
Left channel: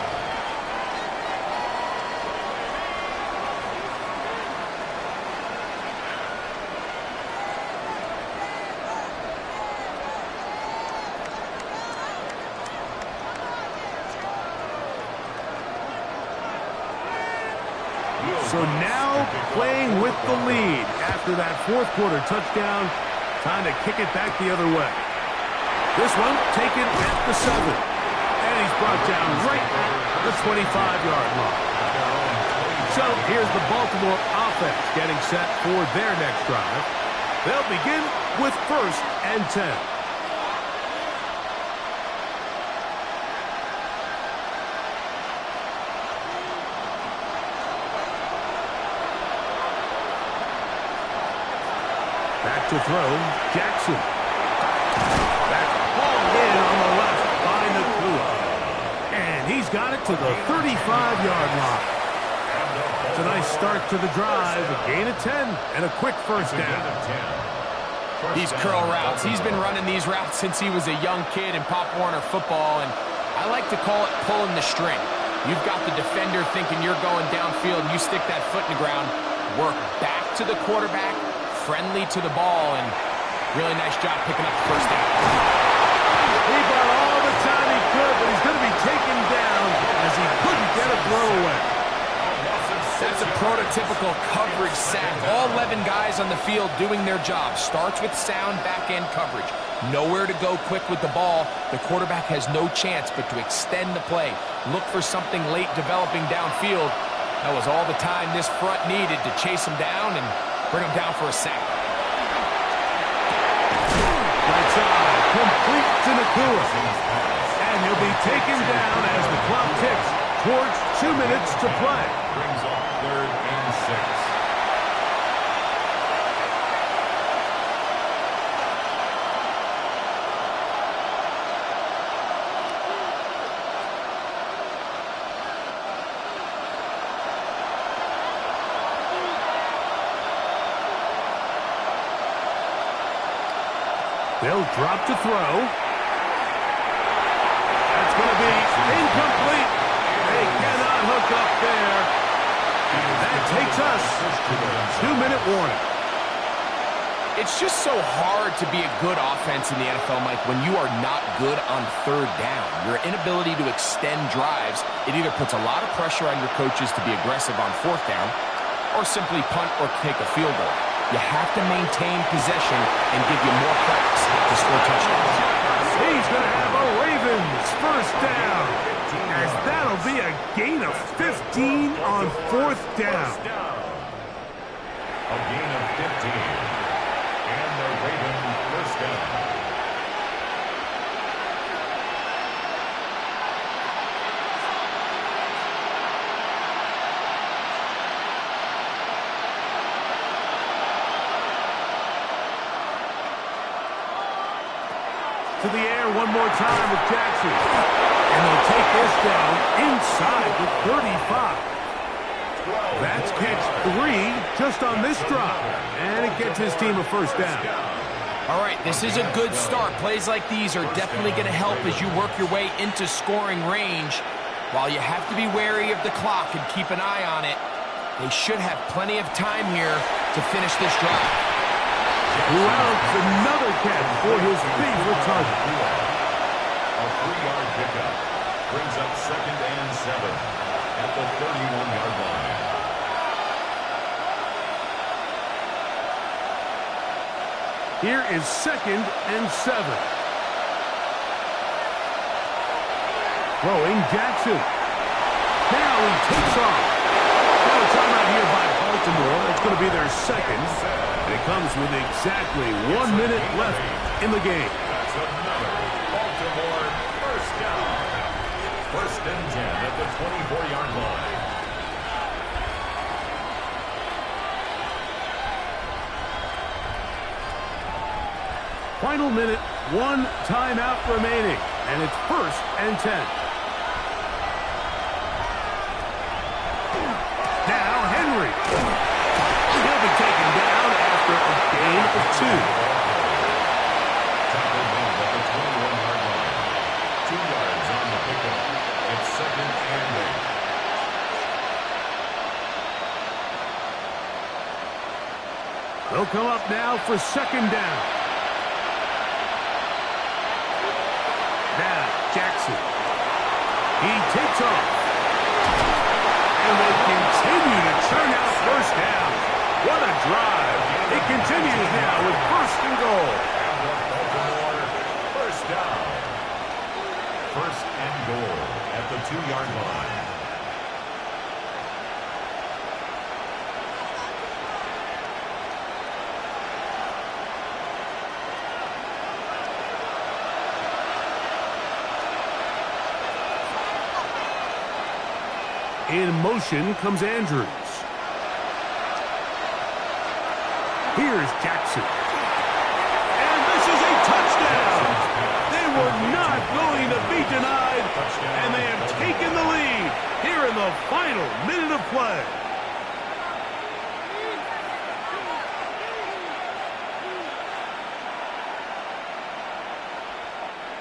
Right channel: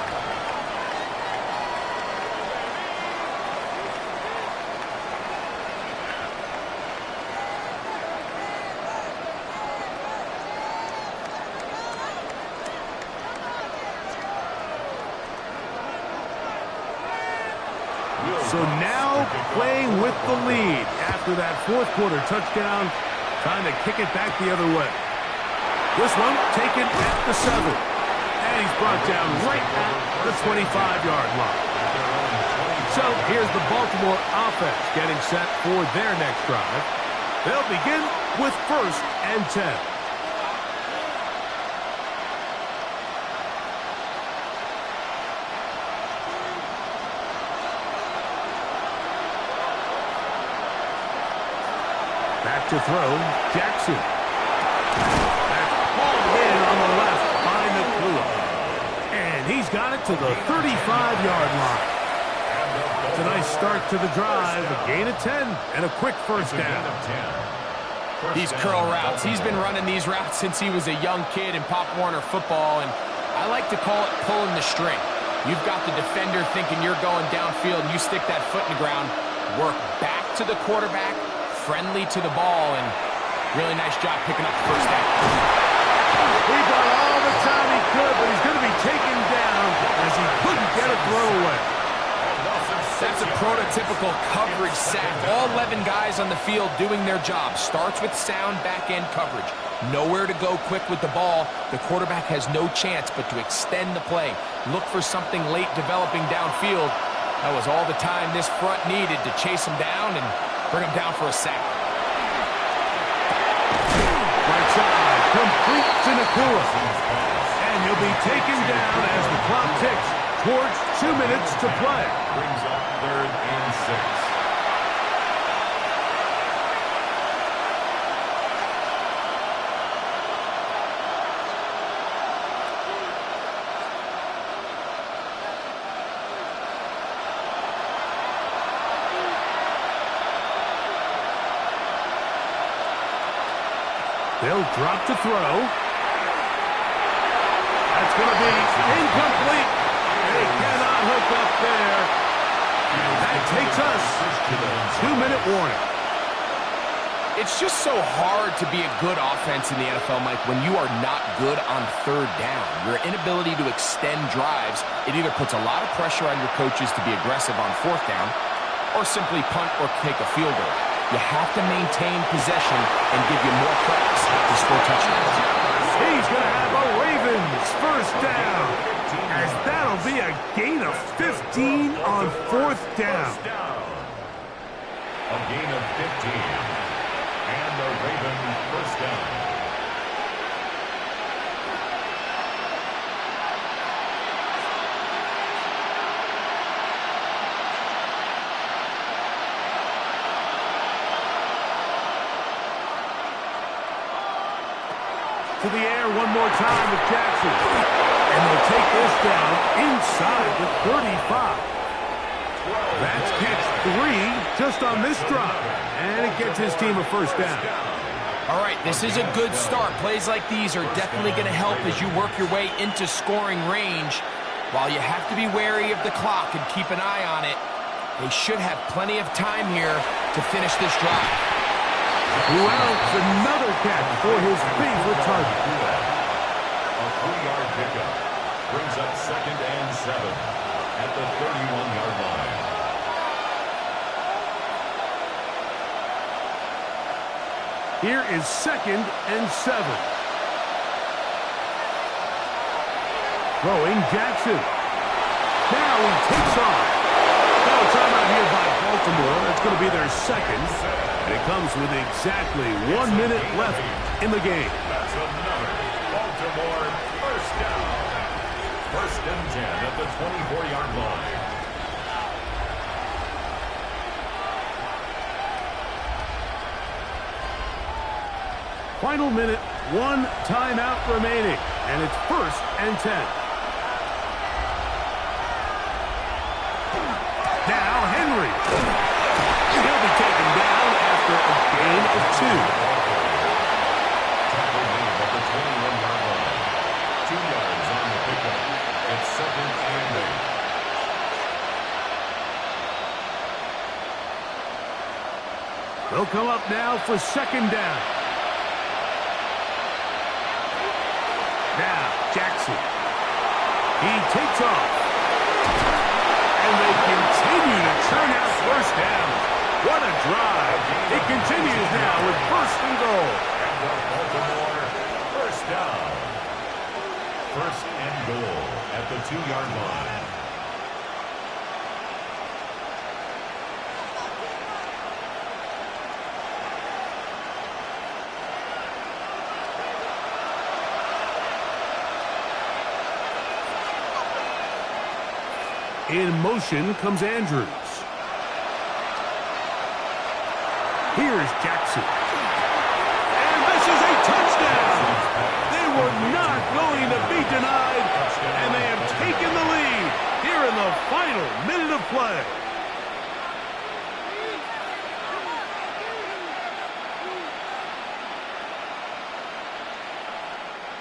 So now playing with the lead after that fourth quarter touchdown. Time to kick it back the other way. This one taken at the 7. And he's brought down right at the 25-yard line. So here's the Baltimore offense getting set for their next drive. They'll begin with 1st and 10. Back to throw, Jackson. That's hauled in on the left by Nacua. And he's got it to the 35-yard line. It's a nice start to the drive, a gain of 10, and a quick first down. These curl routes, he's been running these routes since he was a young kid in Pop Warner football, and I like to call it pulling the string. You've got the defender thinking you're going downfield, and you stick that foot in the ground, work back to the quarterback, friendly to the ball, and really nice job picking up the first down. He bought all the time he could, but he's going to be taken down as he couldn't get a throw away. That's a prototypical coverage sack. All 11 guys on the field doing their job. Starts with sound back-end coverage. Nowhere to go quick with the ball. The quarterback has no chance but to extend the play. Look for something late developing downfield. That was all the time this front needed to chase him down and bring him down for a sack. Right side, complete to Nacua. And he'll be taken down as the clock ticks towards 2 minutes to play. Brings up 3rd and 6. They'll drop to throw. That's going to be incomplete. They cannot hook up there. And that takes us to the 2-minute warning. It's just so hard to be a good offense in the NFL, Mike, when you are not good on 3rd down. Your inability to extend drives, it either puts a lot of pressure on your coaches to be aggressive on 4th down or simply punt or take a field goal. You have to maintain possession and give you more cracks to score touchdowns. He's going to have a Ravens first down, as that'll be a gain of 15 on 4th down. A gain of 15. And the Ravens first down. To the air one more time with Jackson. And they'll take this down inside the 35. That's catch 3 just on this drive. And it gets his team a first down. All right, this is a good start. Plays like these are definitely going to help as you work your way into scoring range. While you have to be wary of the clock and keep an eye on it, they should have plenty of time here to finish this drive. Wells, another catch for his favorite target. A 3-yard pickup brings up 2nd and 7 at the 31-yard line. Here is 2nd and 7. Throwing Jackson. Now he takes off. Now a timeout here by Baltimore. That's going to be their 2nd. And it comes with exactly 1 minute left in the game. That's another Baltimore first down. 1st and 10 at the 24-yard line. Final minute, 1 timeout remaining, and it's 1st and 10. Now Henry. He'll be taken down after a gain of 2. Tackle made at the 21-yard line. 2 yards on the pickup. It's 2nd and 8. They'll come up now for 2nd down. Now, Jackson. He takes off. And they continue to churn out 1st down. What a drive. It continues now with 1st and goal. And the Baltimore 1st down. 1st and goal at the 2-yard line. In motion comes Andrews. Here's Jackson. And this is a touchdown. They were not going to be denied, and they have taken the lead here in the final minute of play.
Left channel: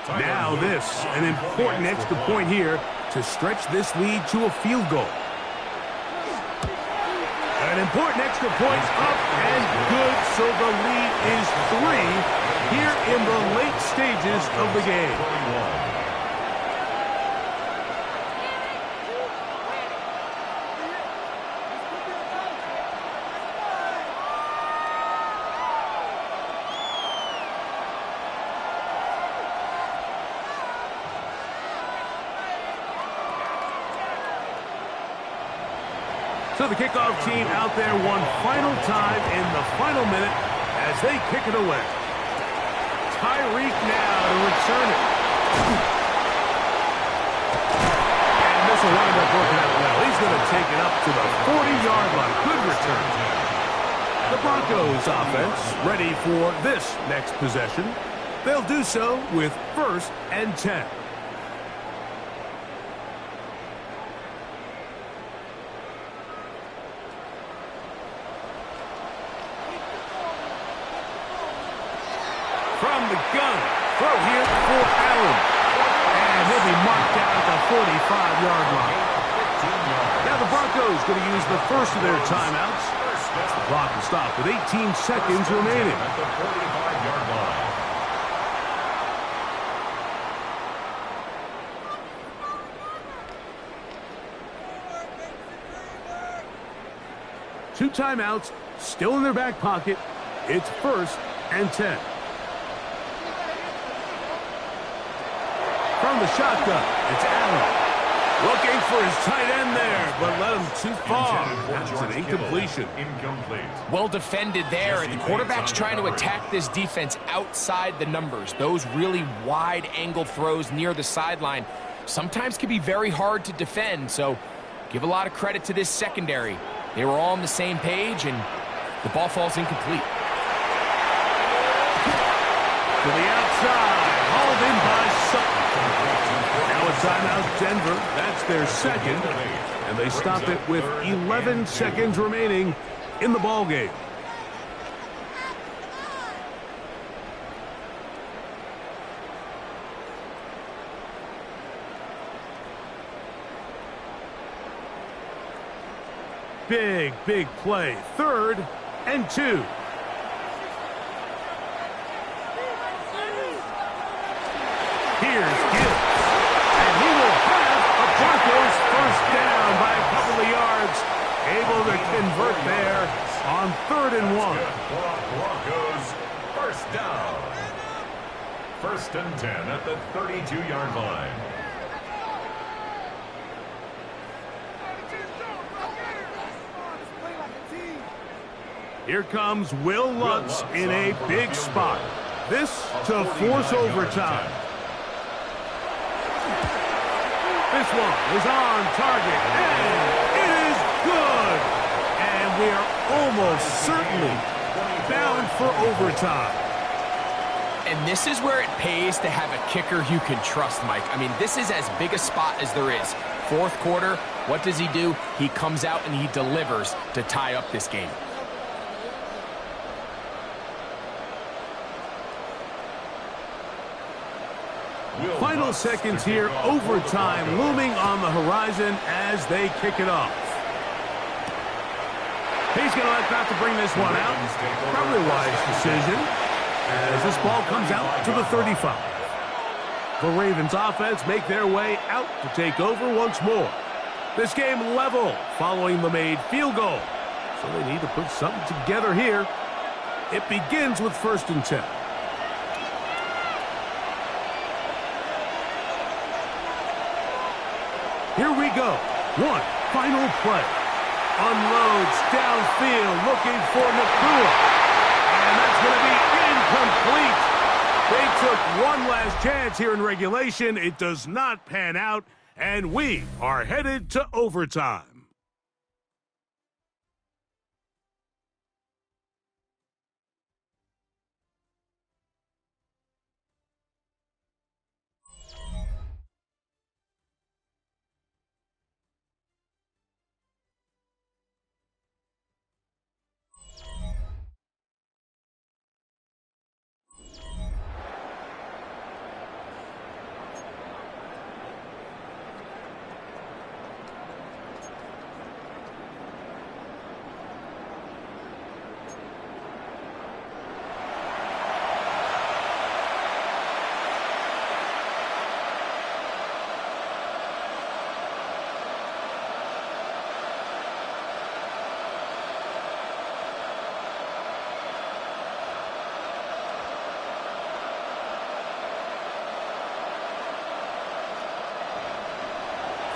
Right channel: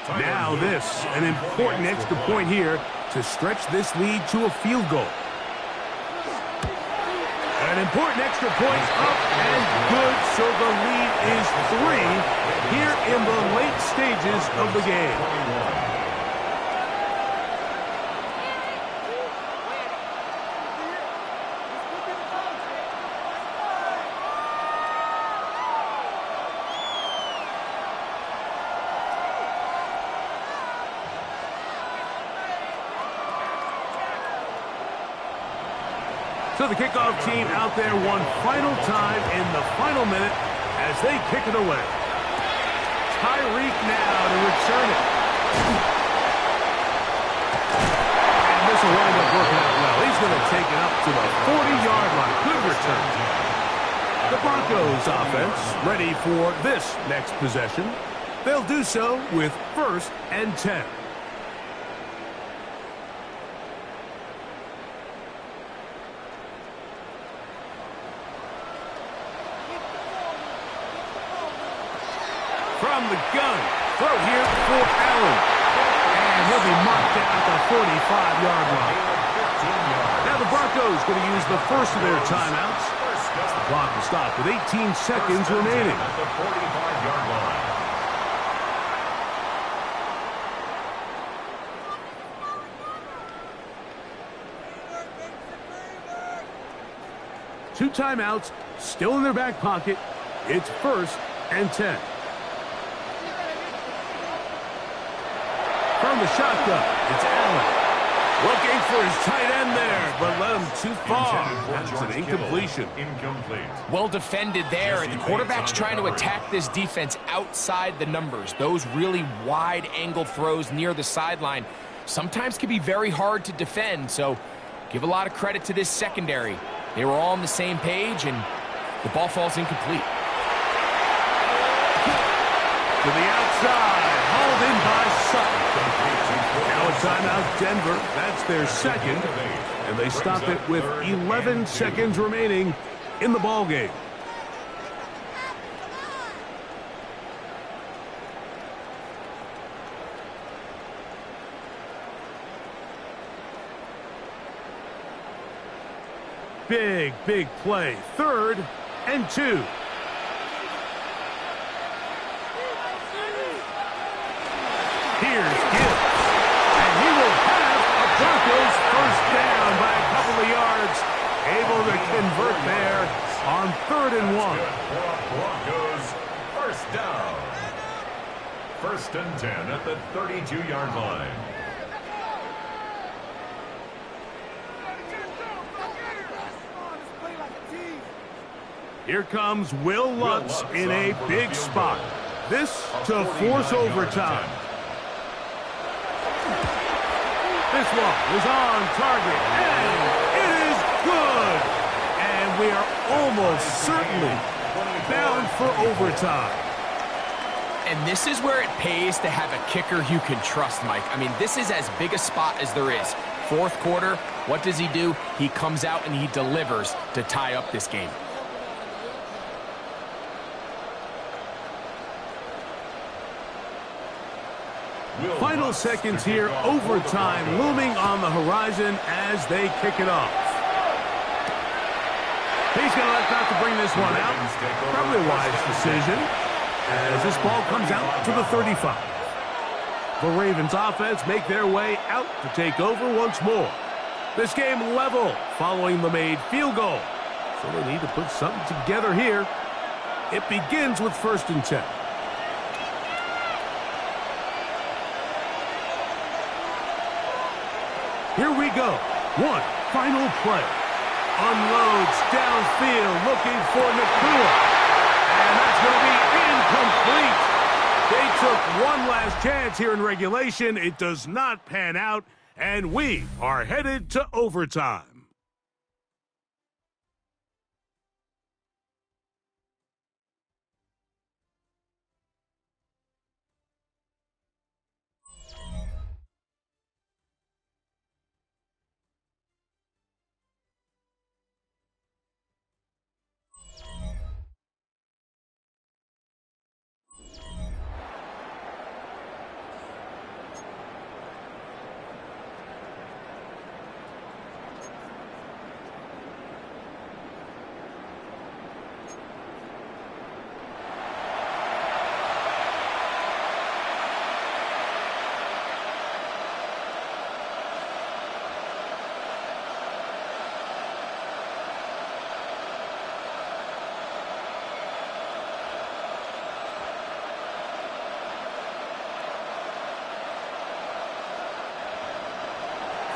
Now this, an important extra point here to stretch this lead to a field goal. An important extra point up and good, so the lead is 3 here in the late stages of the game. So the kickoff team out there one final time in the final minute as they kick it away. Tyreek now to return it. And this will wind up working out well. He's going to take it up to the 40-yard line. Good return. The Broncos offense ready for this next possession. They'll do so with 1st and 10. From the gun, throw here for Allen. And he'll be marked down at the 45-yard line. Now the Broncos going to use the first of their timeouts. The clock will stop with 18 seconds remaining. At the 45-yard line. Two timeouts still in their back pocket. It's 1st and 10. From the shotgun, it's Allen. Looking for his tight end there, but led him too far. That's an incompletion. Incomplete. Well defended there. The quarterback's trying to attack this defense outside the numbers. Those really wide angle throws near the sideline sometimes can be very hard to defend, so give a lot of credit to this secondary. They were all on the same page, and the ball falls incomplete. To the outside, hauled in by Sutton. Now a timeout, Denver. That's their second, and they stop it with 11 seconds remaining in the ball game. Big, big play. 3rd and 2. Here's Gibbs, and he will have a Broncos 1st down by a couple of yards. Able to convert there on 3rd and 1. Broncos 1st down. 1st and 10 at the 32-yard line. Here comes Will Lutz in a big spot. This to force overtime. This one is on target, and it is good. And we are almost certainly bound for overtime. And this is where it pays to have a kicker you can trust, Mike. I mean, this is as big a spot as there is. Fourth quarter, what does he do? He comes out and he delivers to tie up this game. Final seconds here, overtime looming on the horizon as they kick it off. He's going to elect not to bring this one out. Probably a wise decision as this ball comes out to the 35. The Ravens offense make their way out to take over once more. This game level following the made field goal. So they need to put something together here. It begins with 1st and 10. Here we go. One final play. Unloads downfield looking for Nacua. And that's going to be incomplete. They took one last chance here in regulation. It does not pan out. And we are headed to overtime.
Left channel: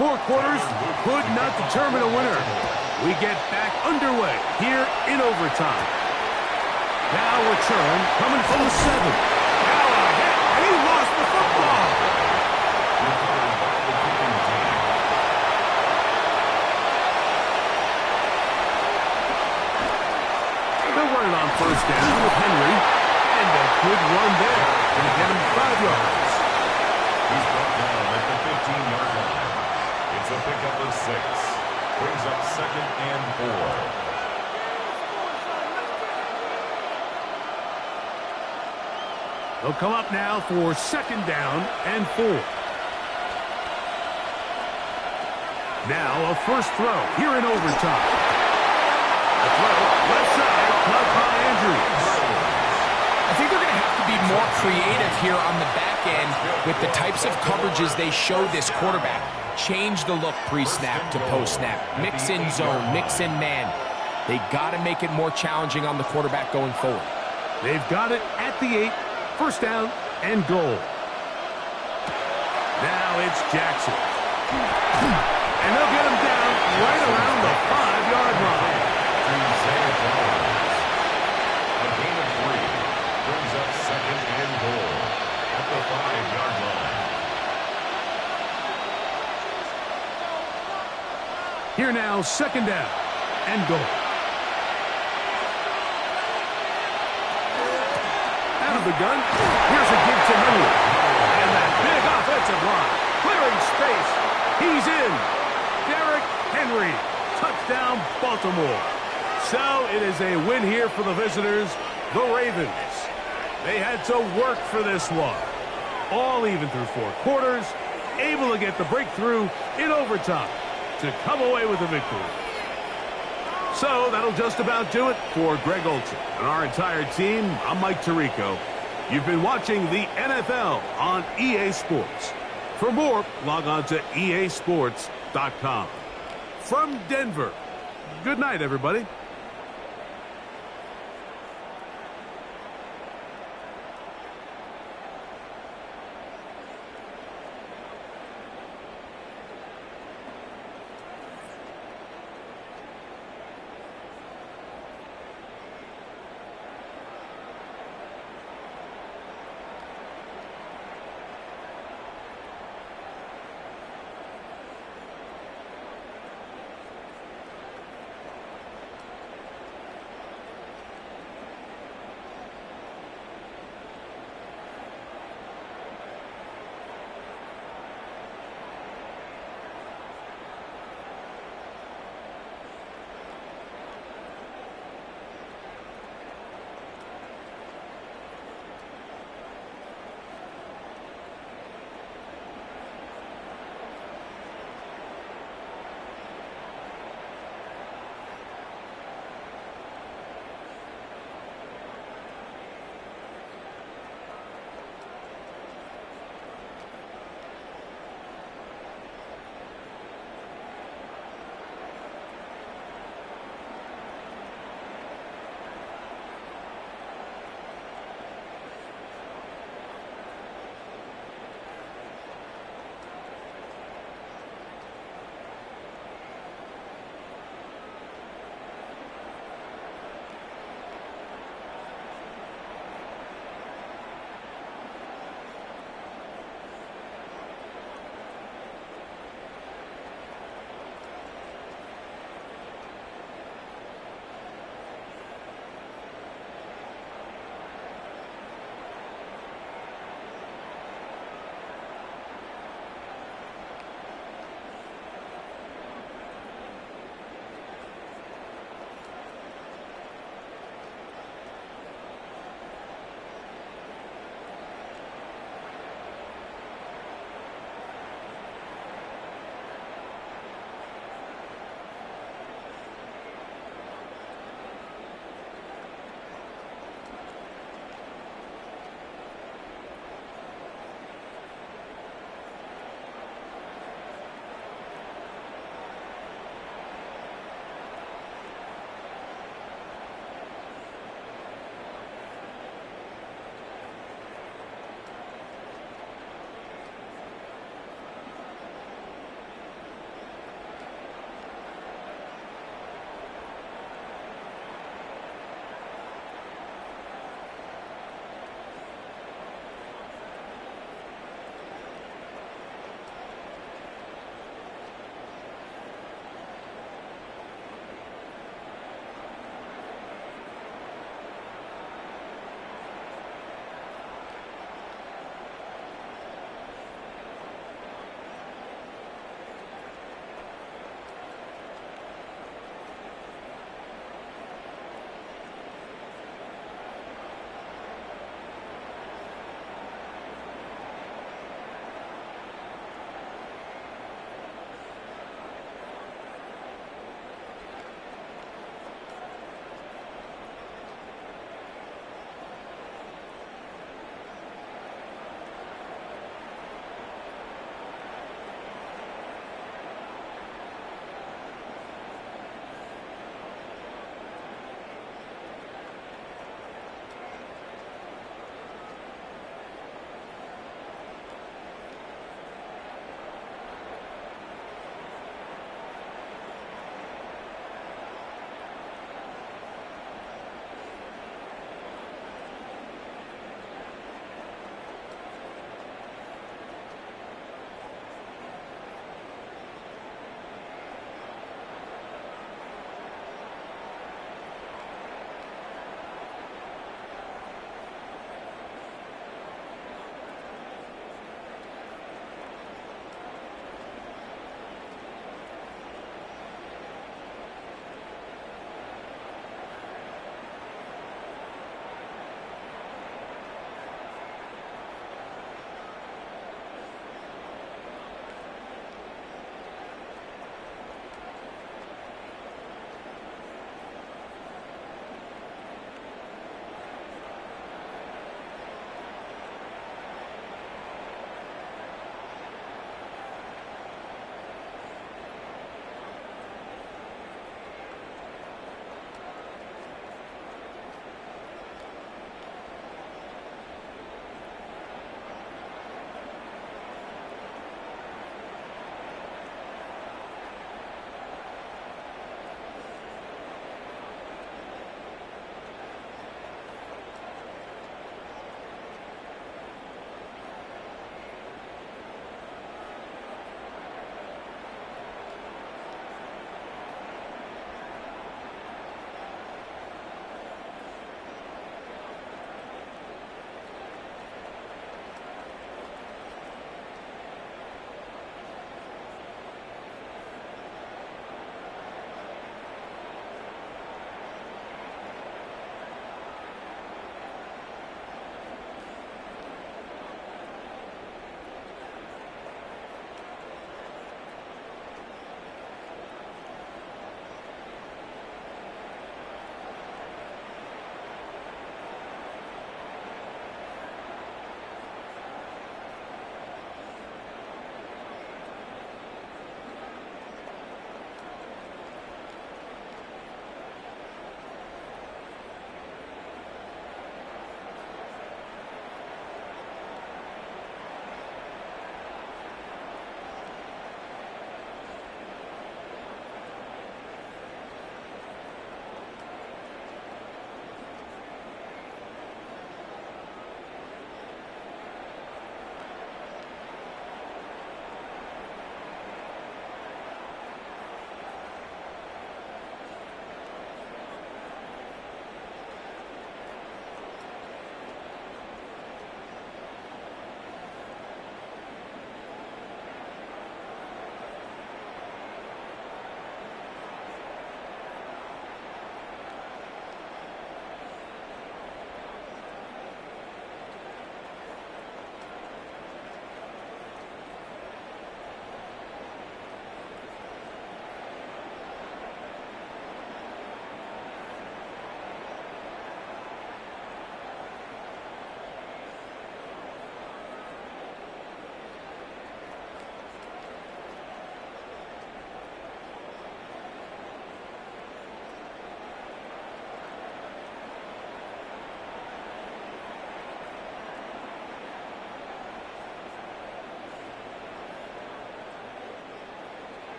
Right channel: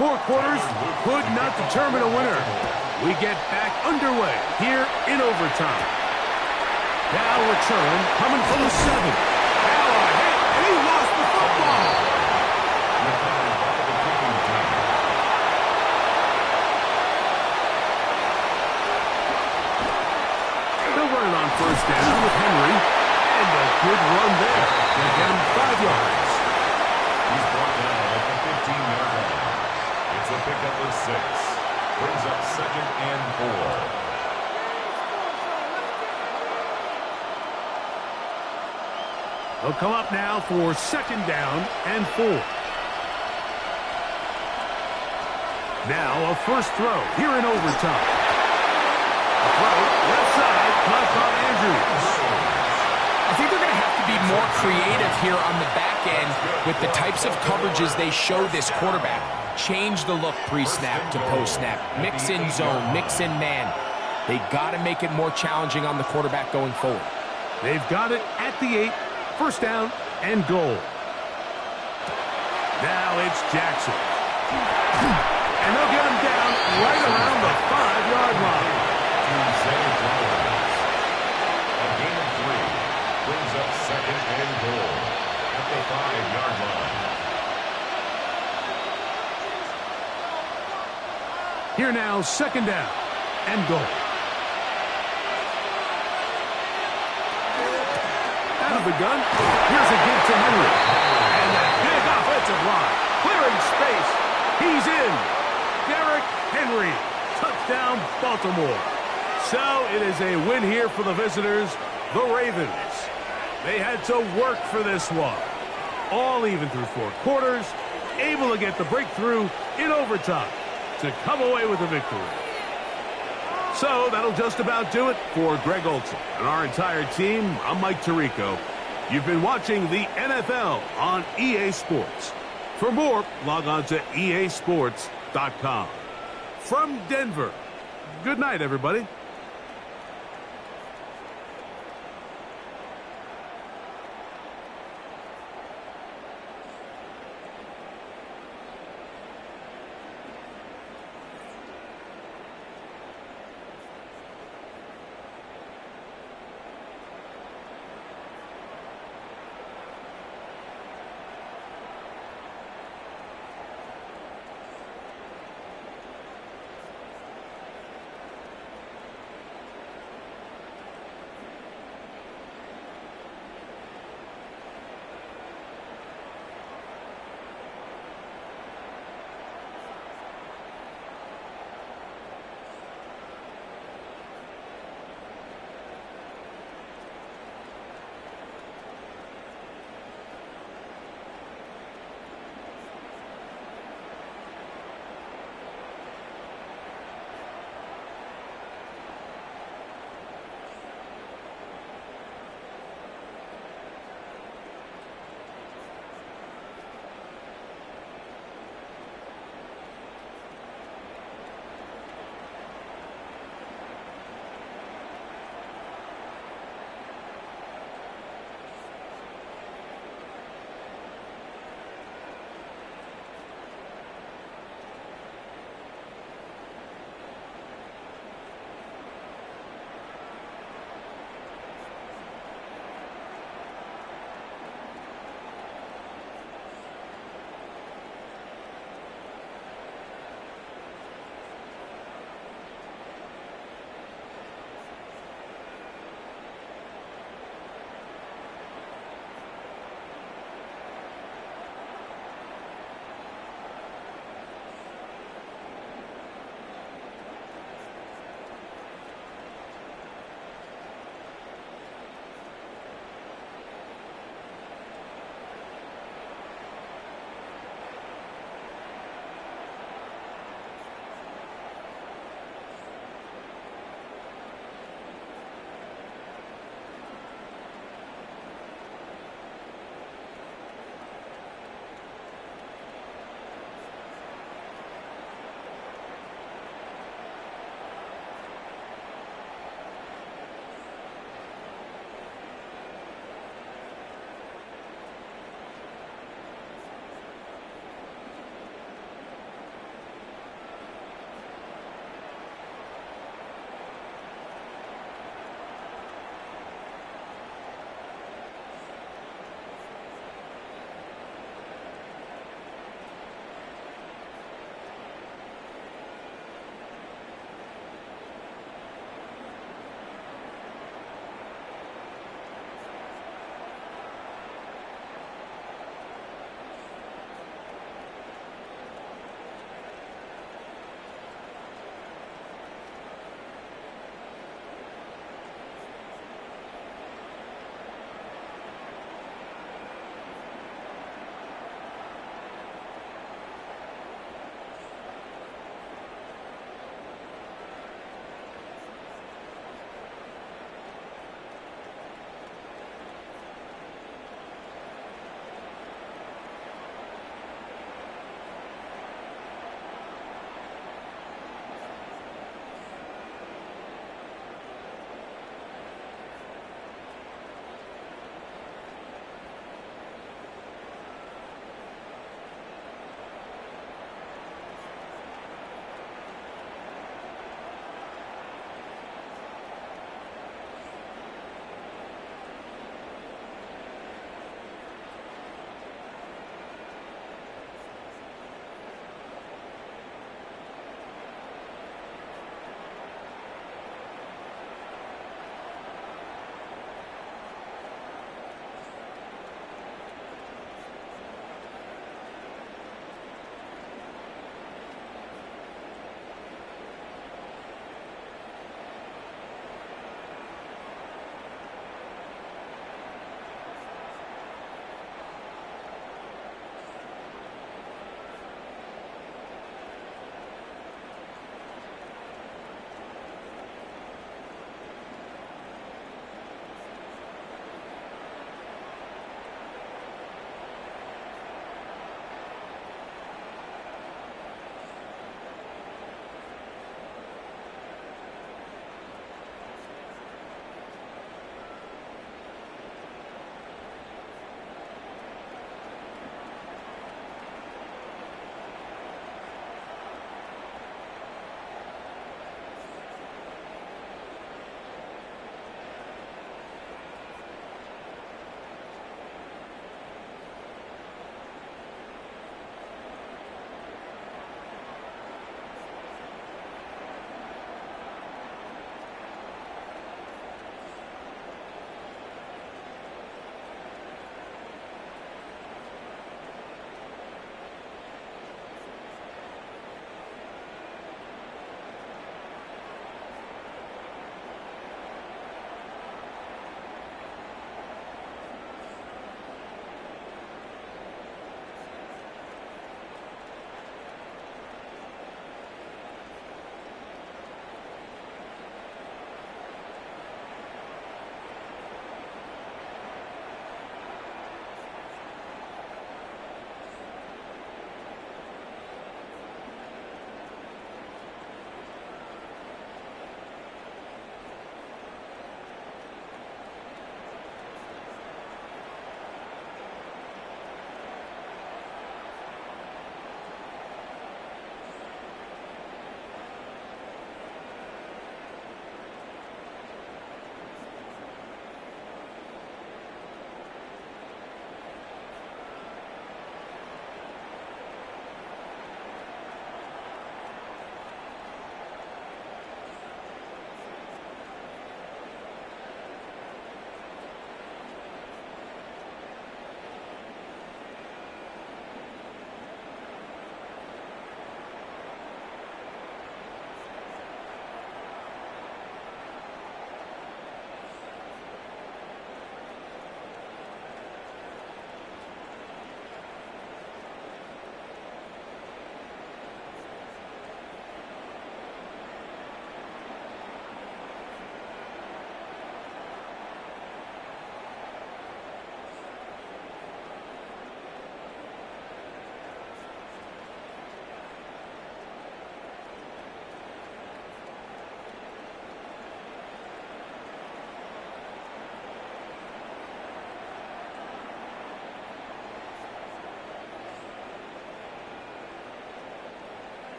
Four quarters could not determine a winner. We get back underway here in overtime. Now return coming from the 7. Now a hit, and he lost the football. Recovered by the kicking team. They'll run it on 1st down with Henry. And a good run there. Gonna get him 5 yards. He's brought down at the 15-yard line. It's a pickup of 6. Brings up 2nd and 4. They'll come up now for 2nd down and 4. Now a first throw here in overtime. The throw left side caught by Andrews. I think they're going to have to be more creative here on the back end with the types of coverages they show this quarterback. Change the look pre-snap to post-snap. Mix in zone, mix in man. They got to make it more challenging on the quarterback going forward. They've got it at the 8. 1st down and goal. Now it's Jackson. And they'll get him down right around the 5-yard line. To Zay Flowers. A gain of 3. Brings up 2nd and goal at the 5-yard line. Here now, 2nd down and goal. Out of the gun, here's a give to Henry. And that big offensive line, clearing space. He's in. Derrick Henry, touchdown Baltimore. So it is a win here for the visitors, the Ravens. They had to work for this one. All even through 4 quarters, able to get the breakthrough in overtime to come away with a victory. So that'll just about do it for Greg Olsen and our entire team. I'm Mike Tirico. You've been watching the NFL on EA Sports. For more, log on to easports.com. From Denver, good night, everybody.